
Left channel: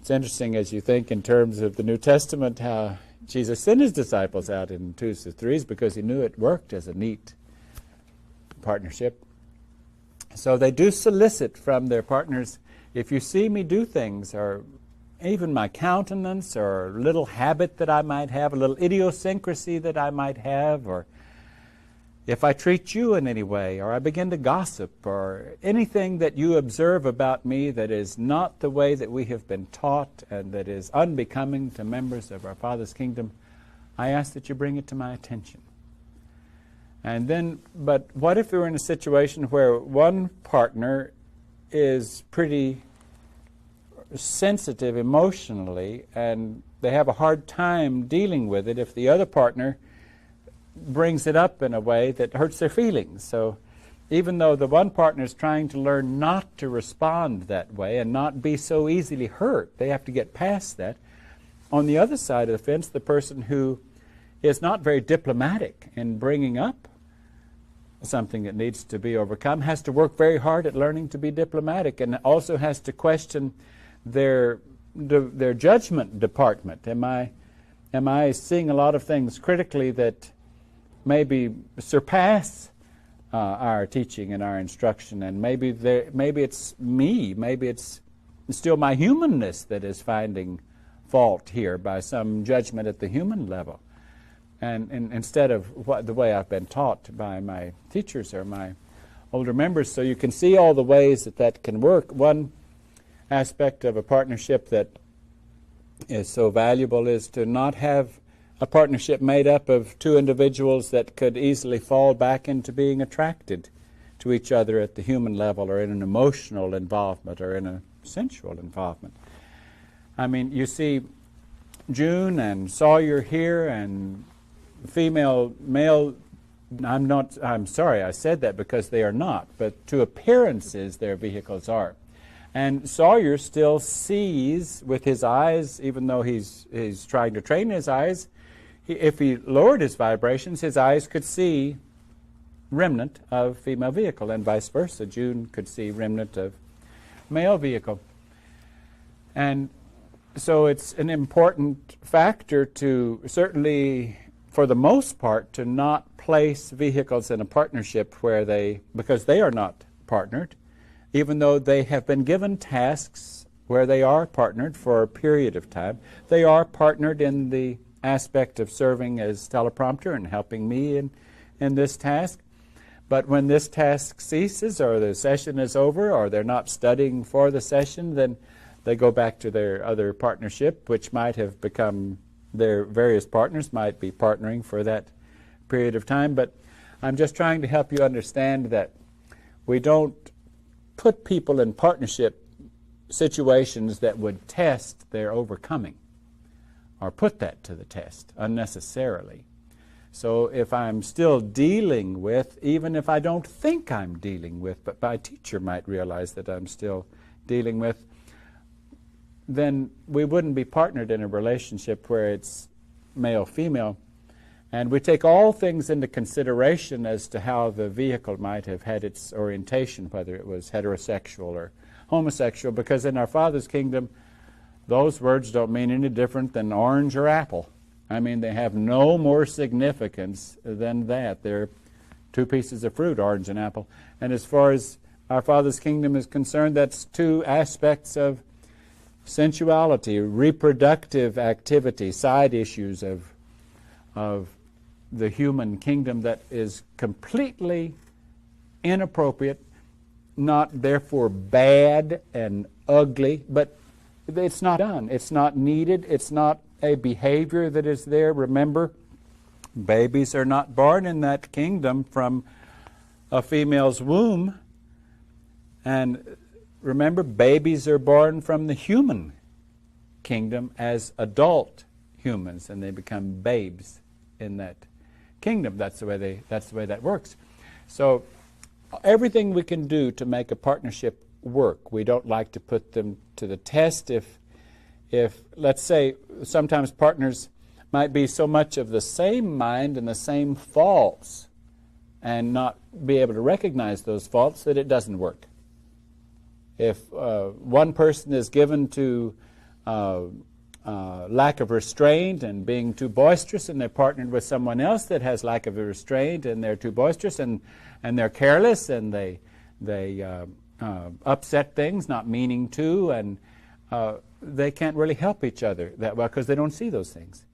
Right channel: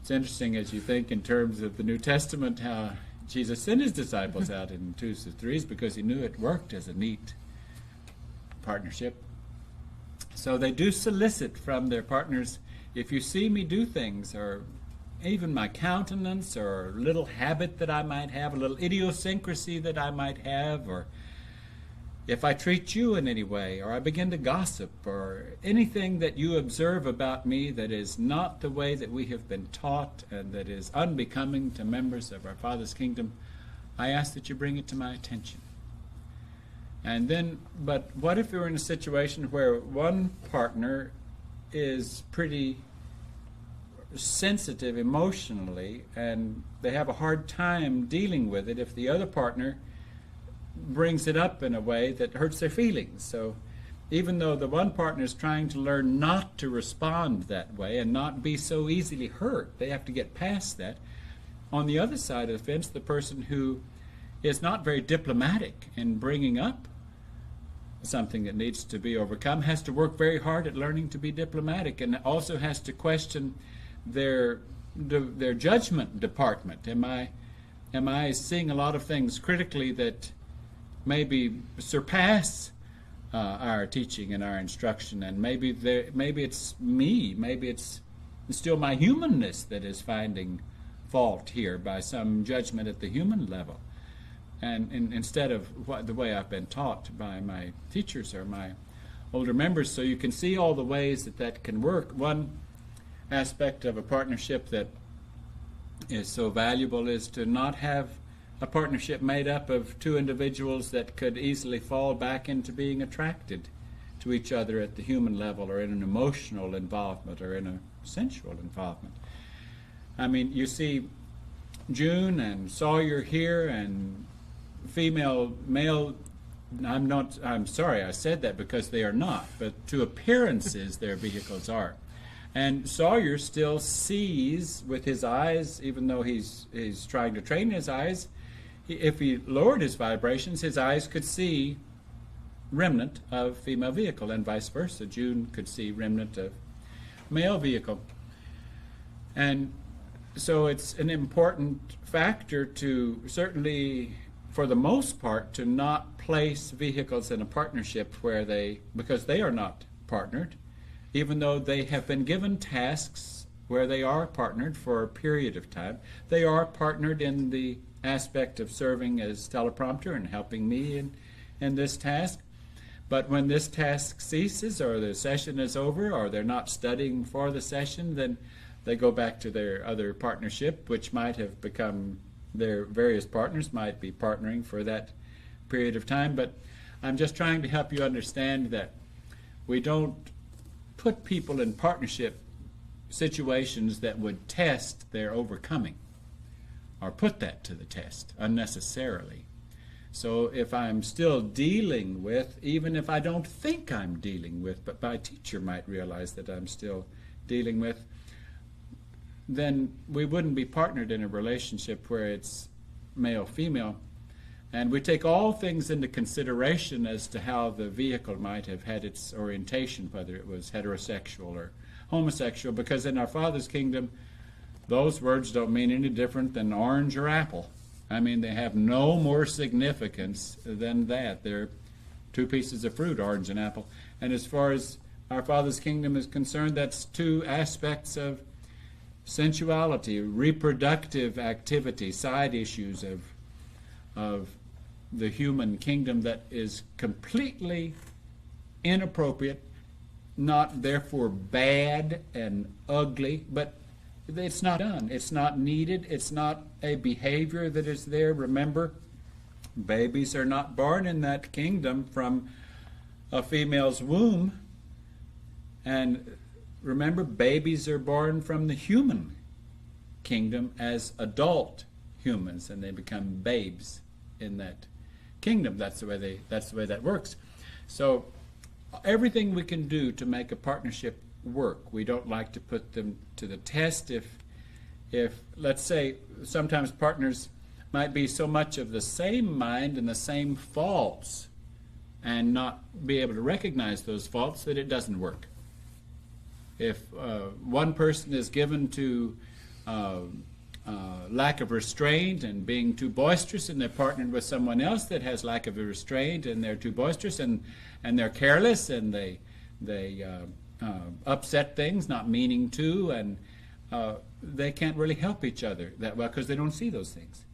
it's interesting as you think in terms of the New Testament how Jesus sent his disciples out in twos or threes because he knew it worked as a neat partnership. So they do solicit from their partners, if you see me do things, or even my countenance, or a little habit that I might have, a little idiosyncrasy that I might have, or if I treat you in any way, or I begin to gossip, or anything that you observe about me that is not the way that we have been taught and that is unbecoming to members of our Father's kingdom, I ask that you bring it to my attention. And then, but what if we were in a situation where one partner is pretty sensitive emotionally and they have a hard time dealing with it if the other partner brings it up in a way that hurts their feelings? So even though the one partner is trying to learn not to respond that way and not be so easily hurt, they have to get past that. On the other side of the fence, the person who is not very diplomatic in bringing up something that needs to be overcome has to work very hard at learning to be diplomatic, and also has to question their judgment department. Am I seeing a lot of things critically that maybe surpass our teaching and our instruction, and maybe it's me, maybe it's still my humanness that is finding fault here by some judgment at the human level, and instead of the way I've been taught by my teachers or my older members. So you can see all the ways that can work. One aspect of a partnership that is so valuable is to not have a partnership made up of two individuals that could easily fall back into being attracted to each other at the human level, or in an emotional involvement, or in a sensual involvement. I mean, you see June and Sawyer here, and male, I'm sorry I said that, because they are not, but to appearances their vehicles are. And Sawyer still sees with his eyes, even though he's trying to train his eyes. If he lowered his vibrations, his eyes could see remnant of female vehicle, and vice versa. June could see remnant of male vehicle. And so it's an important factor to, certainly for the most part, to not place vehicles in a partnership because they are not partnered, even though they have been given tasks where they are partnered for a period of time. They are partnered in the aspect of serving as teleprompter and helping me in this task. But when this task ceases, or the session is over, or they're not studying for the session, then they go back to their other partnership, which might have become their various partners, might be partnering for that period of time. But I'm just trying to help you understand that we don't put people in partnership situations that would test their overcoming or put that to the test unnecessarily. So if I'm still dealing with, even if I don't think I'm dealing with, but my teacher might realize that I'm still dealing with, then we wouldn't be partnered in a relationship where it's male-female. And we take all things into consideration as to how the vehicle might have had its orientation, whether it was heterosexual or homosexual, because in our Father's kingdom, those words don't mean any different than orange or apple. I mean, they have no more significance than that. They're two pieces of fruit, orange and apple. And as far as our Father's kingdom is concerned, that's two aspects of sensuality, reproductive activity, side issues of the human kingdom that is completely inappropriate, not therefore bad and ugly, but it's not done. It's not needed. It's not a behavior that is there. Remember, babies are not born in that kingdom from a female's womb. And remember, babies are born from the human kingdom as adult humans, and they become babes in that kingdom. That's the way that works. So everything we can do to make a partnership work, we don't like to put them to the test. If let's say sometimes partners might be so much of the same mind and the same faults and not be able to recognize those faults that it doesn't work. If one person is given to lack of restraint and being too boisterous, and they're partnered with someone else that has lack of restraint and they're too boisterous and they're careless and they upset things, not meaning to, and they can't really help each other that well because they don't see those things.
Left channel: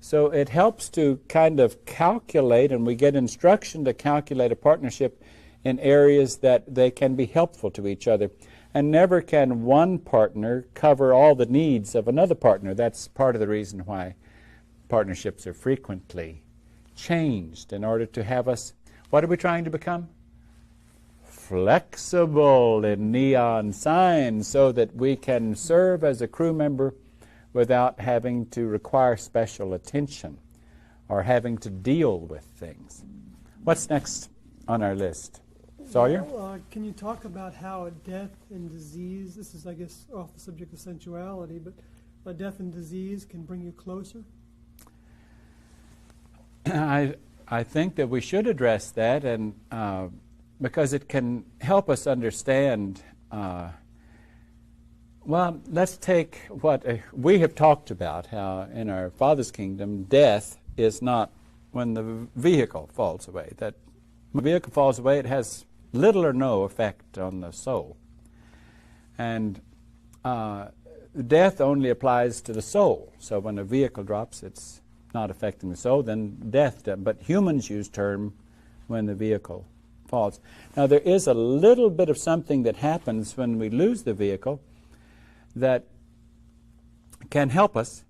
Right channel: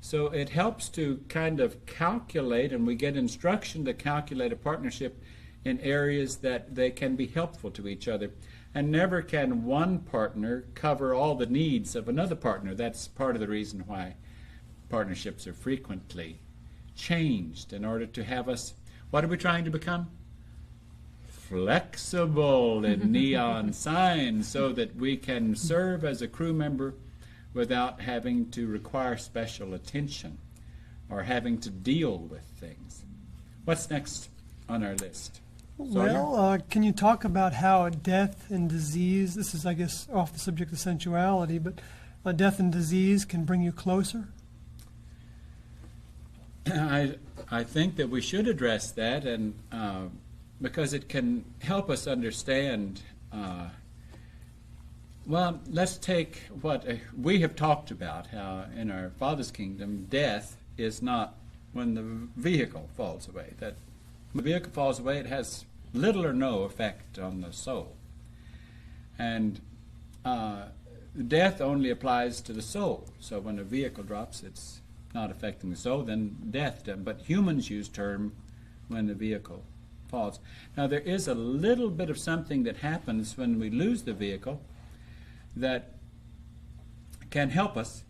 So it helps to kind of calculate, and we get instruction to calculate a partnership in areas that they can be helpful to each other. And never can one partner cover all the needs of another partner. That's part of the reason why partnerships are frequently changed in order to have us, what are we trying to become? Flexible in neon signs, so that we can serve as a crew member without having to require special attention or having to deal with things. What's next on our list? Sawyer? Well, can you talk about how death and disease, this is, I guess, off the subject of sensuality, but death and disease can bring you closer? I think that we should address that, and because it can help us understand. Well, let's take what we have talked about, how in our Father's kingdom, death is not when the vehicle falls away. That when the vehicle falls away, it has little or no effect on the soul. And death only applies to the soul. So when a vehicle drops, it's not affecting the soul, then death does. But humans use term when the vehicle falls. Now there is a little bit of something that happens when we lose the vehicle that can help us,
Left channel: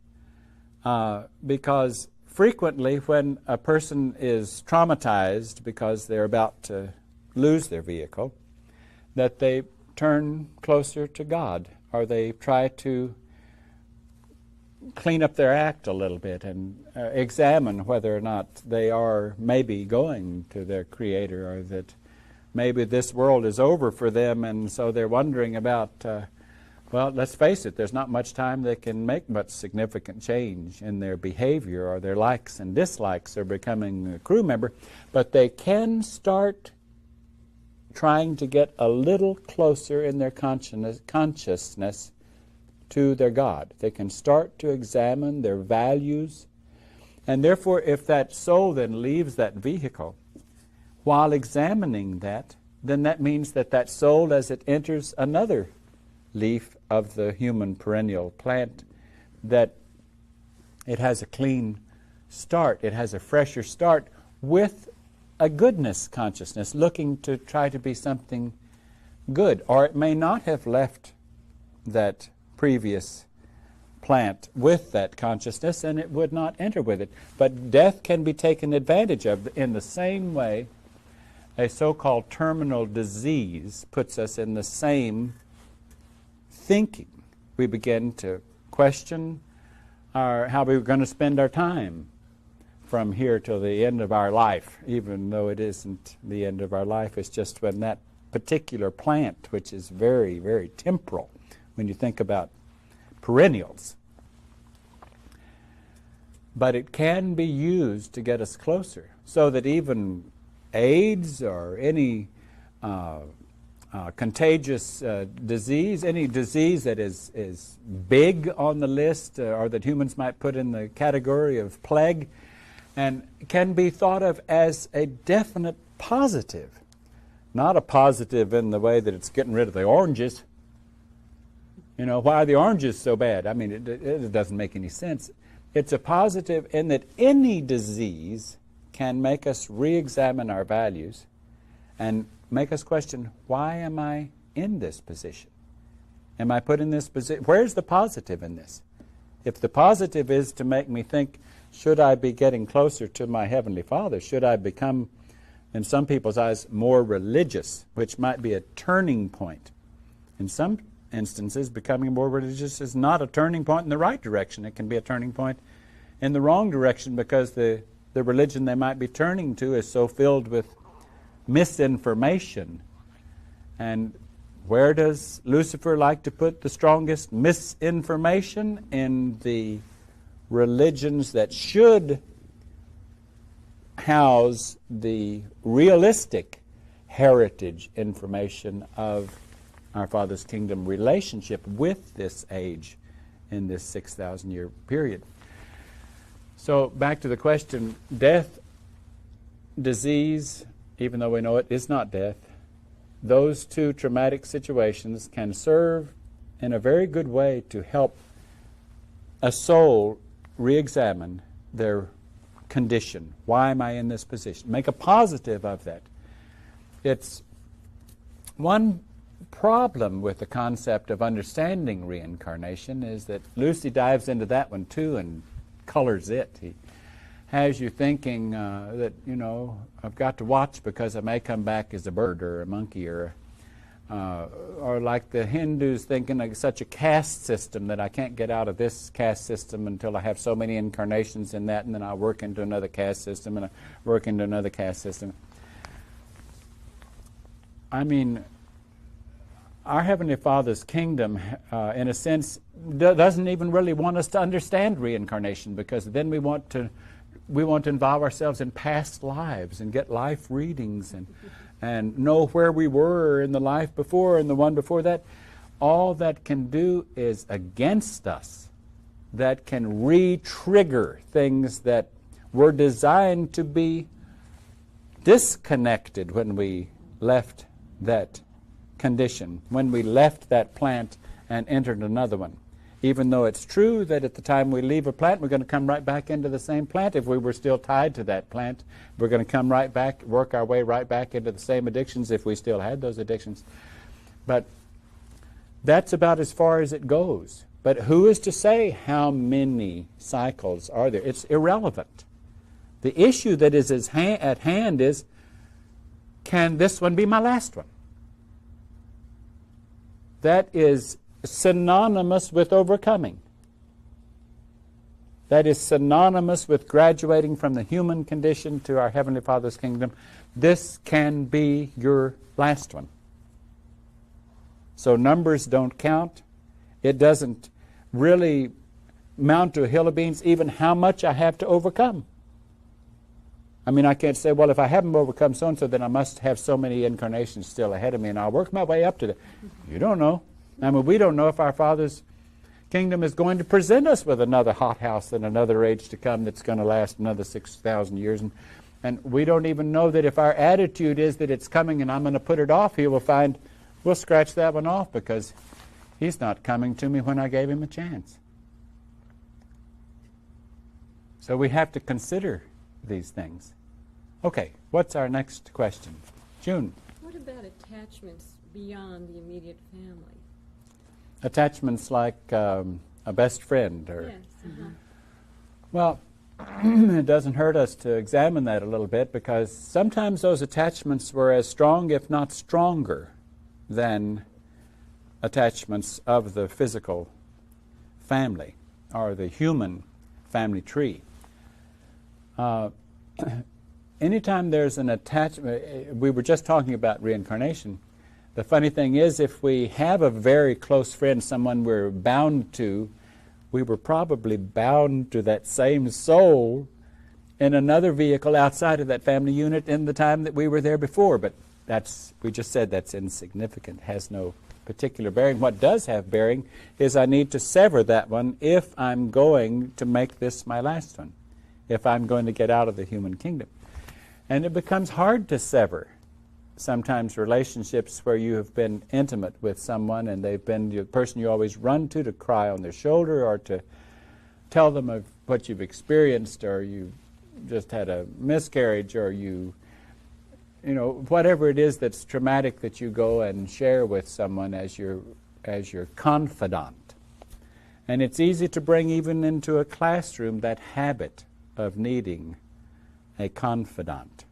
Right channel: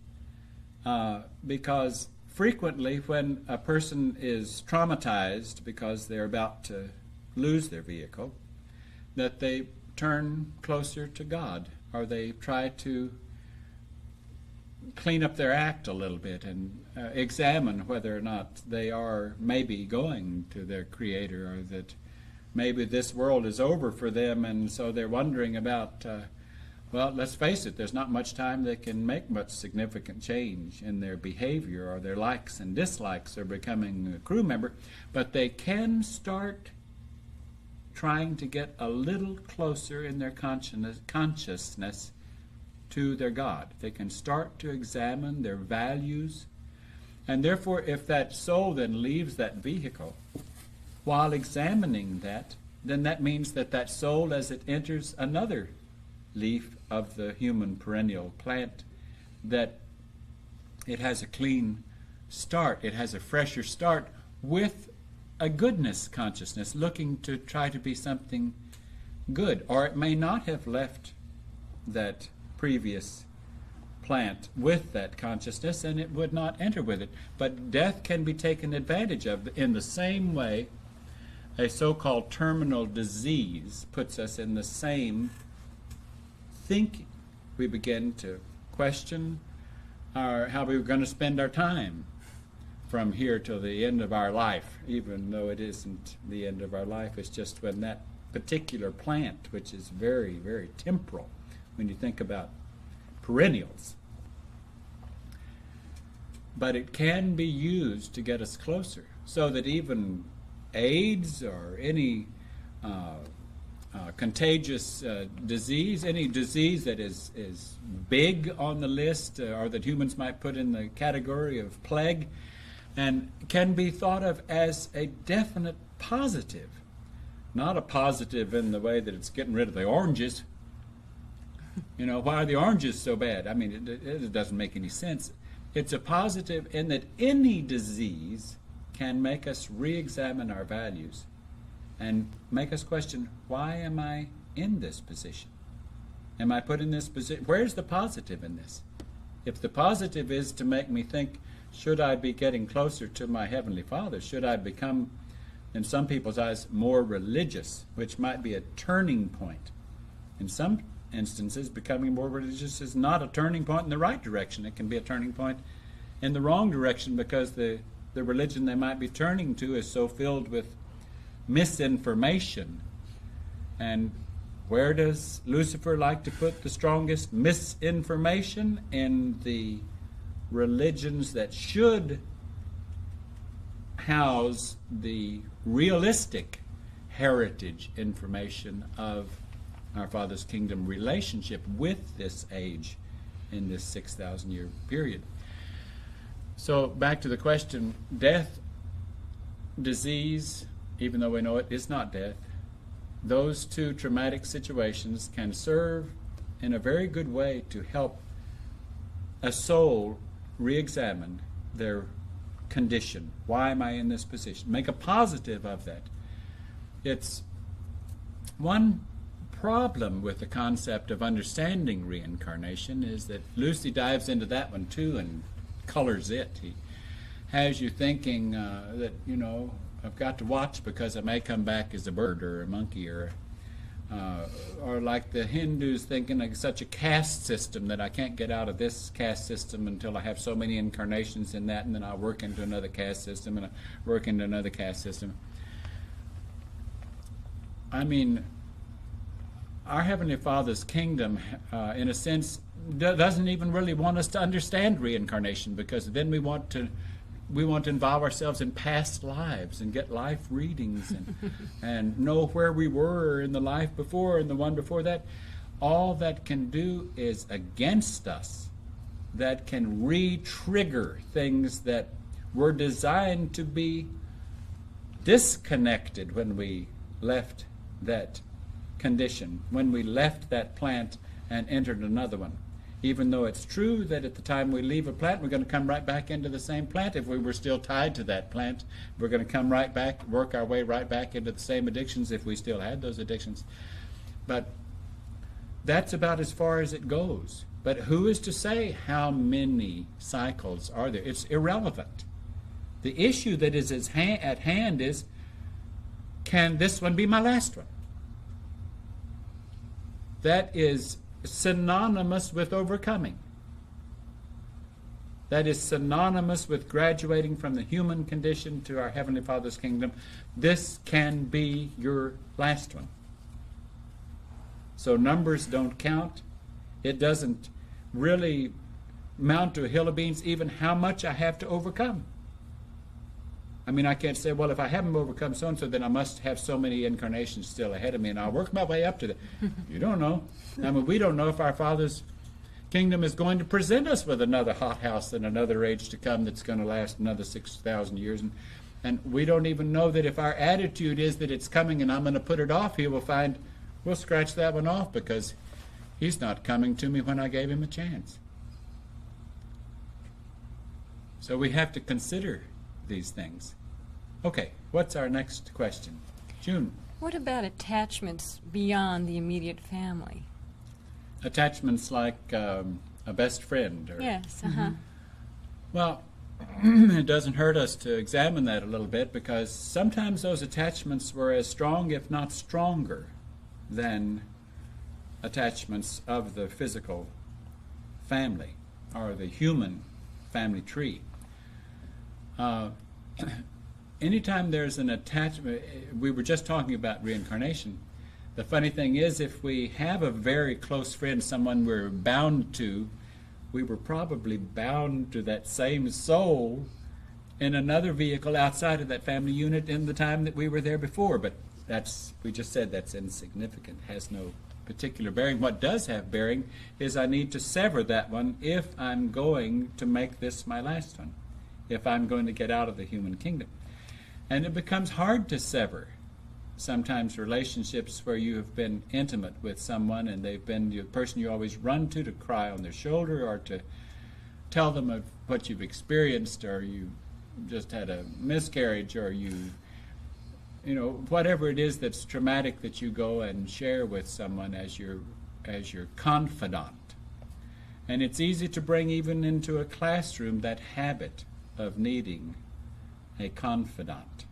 because frequently when a person is traumatized because they're about to lose their vehicle, that they turn closer to God, or they try to clean up their act a little bit and examine whether or not they are maybe going to their Creator, or that maybe this world is over for them, and so they're wondering about, well, let's face it, there's not much time they can make much significant change in their behavior or their likes and dislikes or becoming a crew member, but they can start trying to get a little closer in their consciousness to their God. They can start to examine their values, and therefore if that soul then leaves that vehicle, while examining that, then that means that that soul, as it enters another leaf of the human perennial plant, that it has a clean start, it has a fresher start with a goodness consciousness, looking to try to be something good. Or it may not have left that previous plant with that consciousness, and it would not enter with it. But death can be taken advantage of in the same way a so-called terminal disease puts us in the same thinking. We begin to question how we're going to spend our time from here till the end of our life, even though it isn't the end of our life. It's just when that particular plant, which is very, very temporal, when you think about perennials. But it can be used to get us closer, so that even AIDS or any contagious disease, any disease that is big on the list, or that humans might put in the category of plague, and can be thought of as a definite positive. Not a positive in the way that it's getting rid of the oranges. You know, why are the oranges so bad? I mean, it doesn't make any sense. It's a positive in that any disease can make us re-examine our values and make us question, why am I in this position? Am I put in this position? Where's the positive in this? If the positive is to make me think, should I be getting closer to my Heavenly Father? Should I become, in some people's eyes, more religious, which might be a turning point? In some instances, becoming more religious is not a turning point in the right direction. It can be a turning point in the wrong direction, because the religion they might be turning to is so filled with misinformation. And where does Lucifer like to put the strongest misinformation? In the religions that should house the realistic heritage information of our Father's kingdom relationship with this age in this 6,000-year period. So back to the question, death, disease, even though we know it is not death, those two traumatic situations can serve in a very good way to help a soul re-examine their condition. Why am I in this position? Make a positive of that. It's one problem with the concept of understanding reincarnation is that Lucy dives into that one too and colors it. He has you thinking that, you know, I've got to watch because I may come back as a bird or a monkey, or like the Hindus thinking like such a caste system that I can't get out of this caste system until I have so many incarnations in that, and then I'll work into another caste system and I work into another caste system. I mean, our Heavenly Father's kingdom, in a sense, doesn't even really want us to understand reincarnation, because then we want to involve ourselves in past lives and get life readings and know where we were in the life before and the one before that. All that can do is against us. That can re-trigger things that were designed to be disconnected when we left that condition, when we left that plant and entered another one. Even though it's true that at the time we leave a plant, we're going to come right back into the same plant. If we were still tied to that plant, we're going to come right back, work our way right back into the same addictions if we still had those addictions. But that's about as far as it goes. But who is to say how many cycles are there? It's irrelevant. The issue that is at hand is, can this one be my last one? That is synonymous with overcoming. that is synonymous with graduating from the human condition to our Heavenly Father's kingdom, this can be your last one. So numbers don't count. It doesn't really mount to a hill of beans even how much I have to overcome. I mean, I can't say, well, if I haven't overcome so-and-so, then I must have so many incarnations still ahead of me, and I'll work my way up to that. You don't know. I mean, we don't know if our Father's kingdom is going to present us with another hothouse and another age to come that's going to last another 6,000 years. And we don't even know that if our attitude is that it's coming and I'm going to put it off, he will find, we'll scratch that one off because he's not coming to me when I gave him a chance. So we have to consider these things. Okay, what's our next question? June. What about attachments beyond the immediate family? Attachments like a best friend? Or, Yes, Well, it doesn't hurt us to examine that a little bit, because sometimes those attachments were as strong, if not stronger, than attachments of the physical family or the human family tree. Anytime there's an attachment, we were just talking about reincarnation. The funny thing is, if we have a very close friend, someone we're bound to, we were probably bound to that same soul in another vehicle outside of that family unit in the time that we were there before. But we just said that's insignificant, has no particular bearing. What does have bearing is I need to sever that one if I'm going to make this my last one, if I'm going to get out of the human kingdom. And it becomes hard to sever sometimes relationships where you have been intimate with someone and they've been the person you always run to cry on their shoulder or to tell them of what you've experienced, or you just had a miscarriage, or you know, whatever it is that's traumatic that you go and share with someone as your confidant. And it's easy to bring even into a classroom that habit of needing a confidant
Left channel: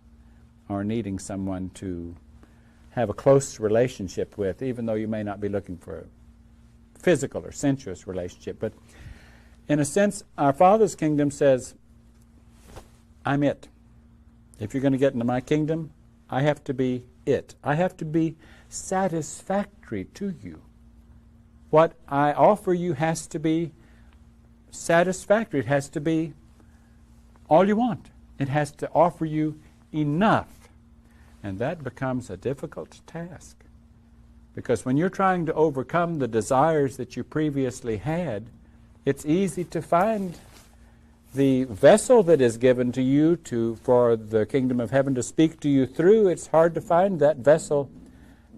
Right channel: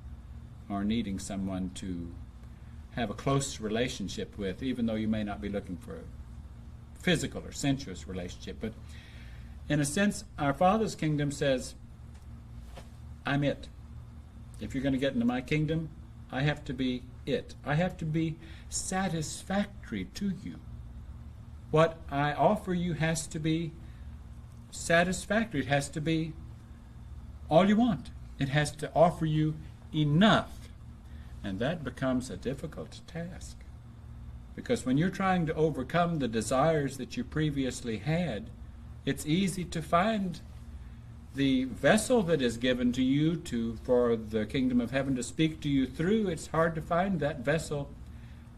or needing someone to have a close relationship with, even though you may not be looking for a physical or sensuous relationship. But in a sense, our Father's kingdom says, I'm it. If you're going to get into my kingdom, I have to be it. I have to be satisfactory to you. What I offer you has to be satisfactory. It has to be all you want. It has to offer you enough. And that becomes a difficult task. Because when you're trying to overcome the desires that you previously had, it's easy to find the vessel that is given to you for the kingdom of heaven to speak to you through. It's hard to find that vessel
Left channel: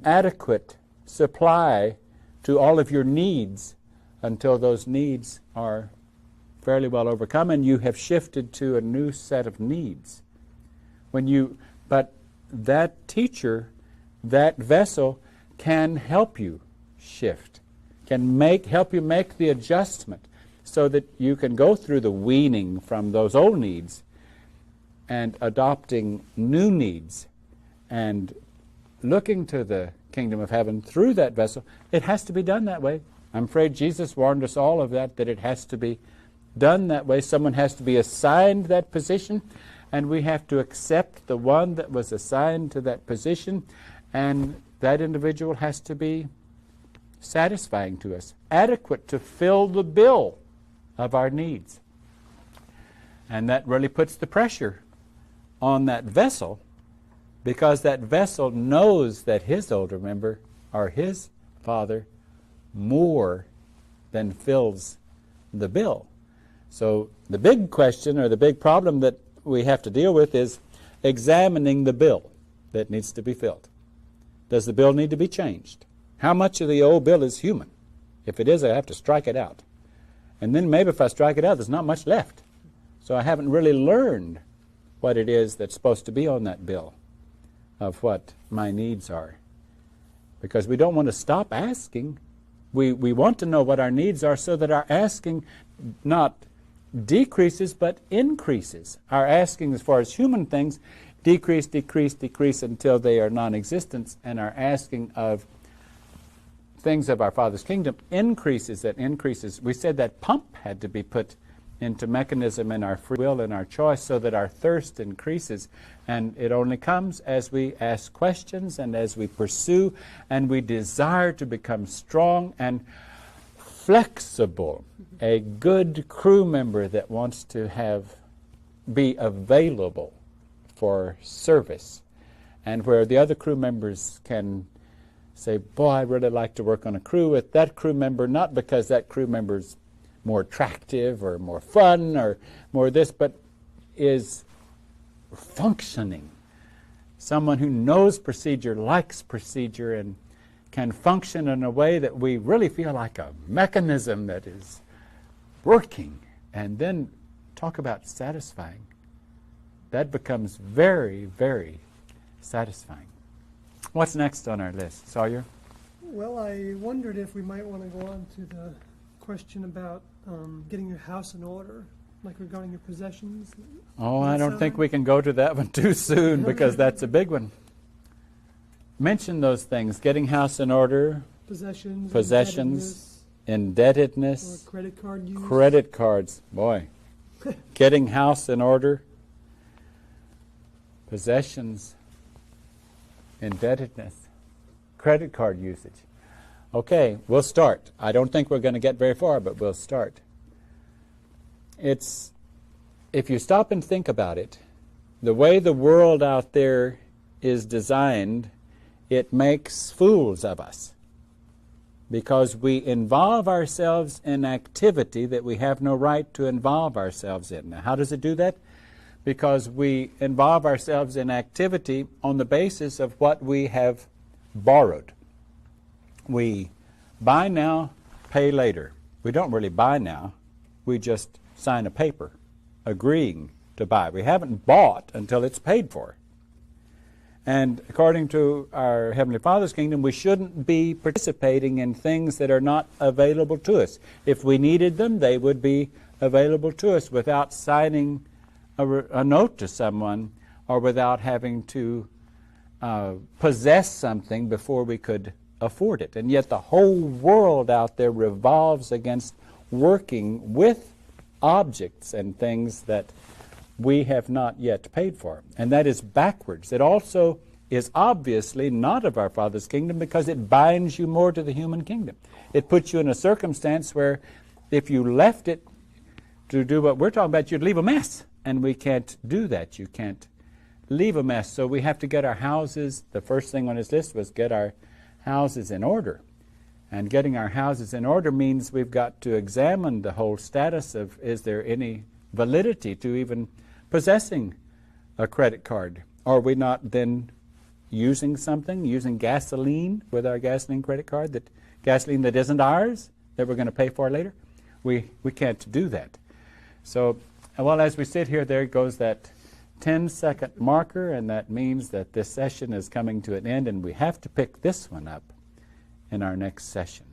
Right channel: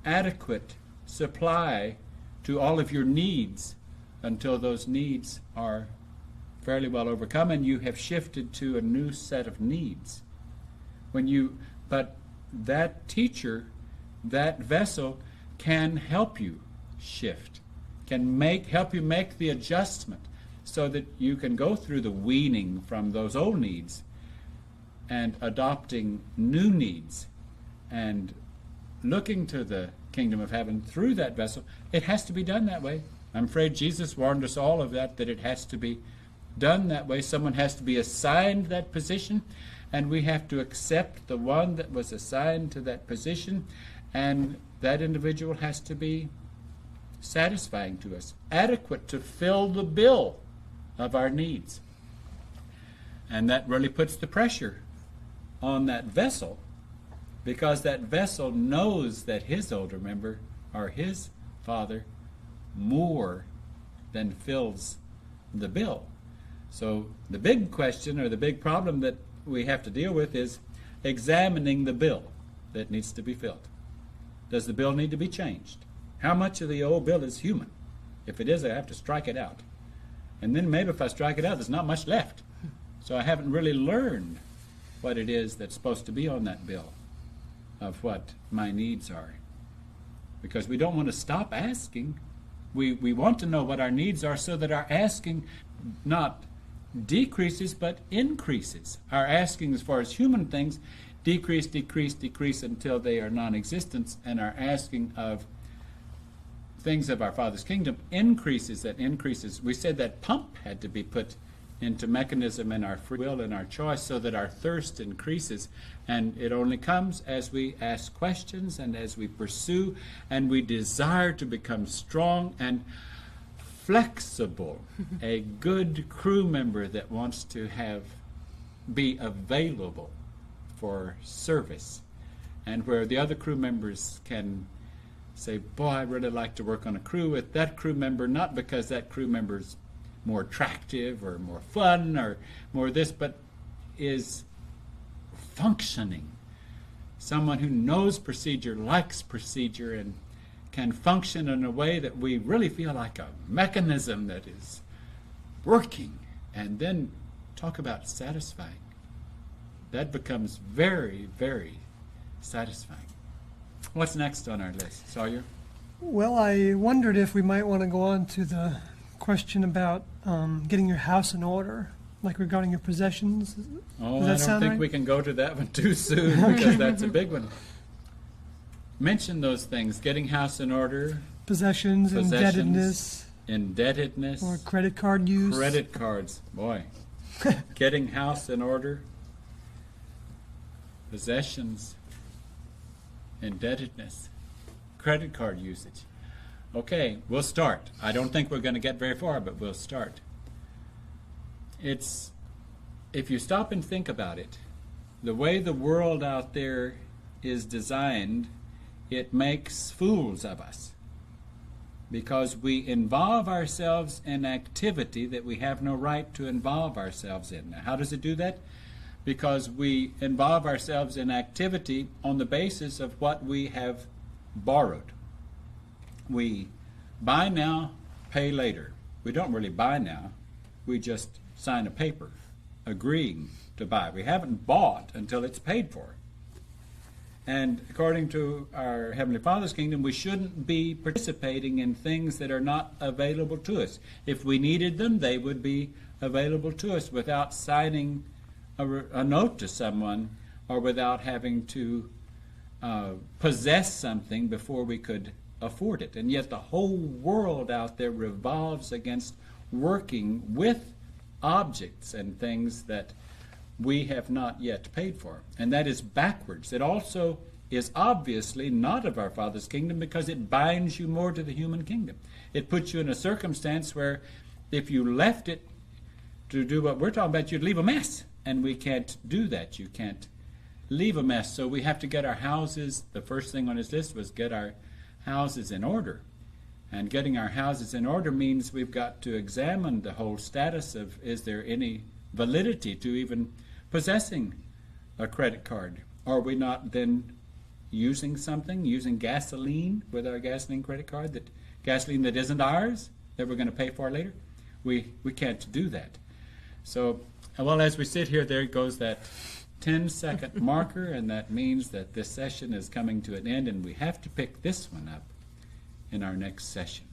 adequate supply to all of your needs until those needs are fairly well overcome and you have shifted to a new set of needs. But that teacher, that vessel, can help you shift, can help you make the adjustment so that you can go through the weaning from those old needs and adopting new needs and looking to the kingdom of heaven through that vessel. It has to be done that way. I'm afraid Jesus warned us all of that it has to be done that way. Someone has to be assigned that position, and we have to accept the one that was assigned to that position, and that individual has to be satisfying to us, adequate to fill the bill of our needs. And that really puts the pressure on that vessel, because that vessel knows that his older member, or his father, more than fills the bill. So the big question, or the big problem that we have to deal with, is examining the bill that needs to be filled. Does the bill need to be changed? How much of the old bill is human? If it is, I have to strike it out. And then maybe if I strike it out, there's not much left. So I haven't really learned what it is that's supposed to be on that bill of what my needs are. Because we don't want to stop asking. We want to know what our needs are so that our asking not decreases but increases. Our asking as far as human things decrease until they are non-existent, and our asking of things of our Father's kingdom increases. We said that pump had to be put into mechanism in our free will and our choice so that our thirst increases. And it only comes as we ask questions and as we pursue and we desire to become strong and flexible. A good crew member that wants to be available for service, and where the other crew members can say, boy, I really like to work on a crew with that crew member, not because that crew member's more attractive or more fun or more this, but is functioning. Someone who knows procedure, likes procedure, and can function in a way that we really feel like a mechanism that is working. And then talk about satisfying. That becomes very, very satisfying. What's next on our list, Sawyer? Well, I wondered if we might want to go on to the question about getting your house in order, like regarding your possessions. Oh, Does I that don't sound think right? we can go to that one too soon because that's a big one. Mention those things: getting house in order, Possessions, Possessions, indebtedness, or credit card use. credit cards. Boy, getting house in order, possessions, indebtedness, credit card usage. Okay, we'll start. I don't think we're going to get very far, but we'll start. If you stop and think about it, the way the world out there is designed, it makes fools of us because we involve ourselves in activity that we have no right to involve ourselves in. Now, how does it do that? Because we involve ourselves in activity on the basis of what we have borrowed. We buy now, pay later. We don't really buy now. We just sign a paper agreeing to buy. We haven't bought until it's paid for. And according to our Heavenly Father's kingdom, we shouldn't be participating in things that are not available to us. If we needed them, they would be available to us without signing a note to someone or without having to possess something before we could afford it. And yet the whole world out there revolves against working with objects and things that we have not yet paid for. And that is backwards. It also is obviously not of our Father's kingdom because it binds you more to the human kingdom. It puts you in a circumstance where if you left it to do what we're talking about, you'd leave a mess. And we can't do that. You can't leave a mess. So we have to get our houses. The first thing on his list was get our houses in order. And getting our houses in order means we've got to examine the whole status of, is there any validity to even possessing a credit card? Are we not then using gasoline with our gasoline credit card, gasoline that isn't ours, that we're going to pay for later? We can't do that. So, well, as we sit here, there goes that 10-second marker, and that means that this session is coming to an end, and we have to pick this one up in our next session.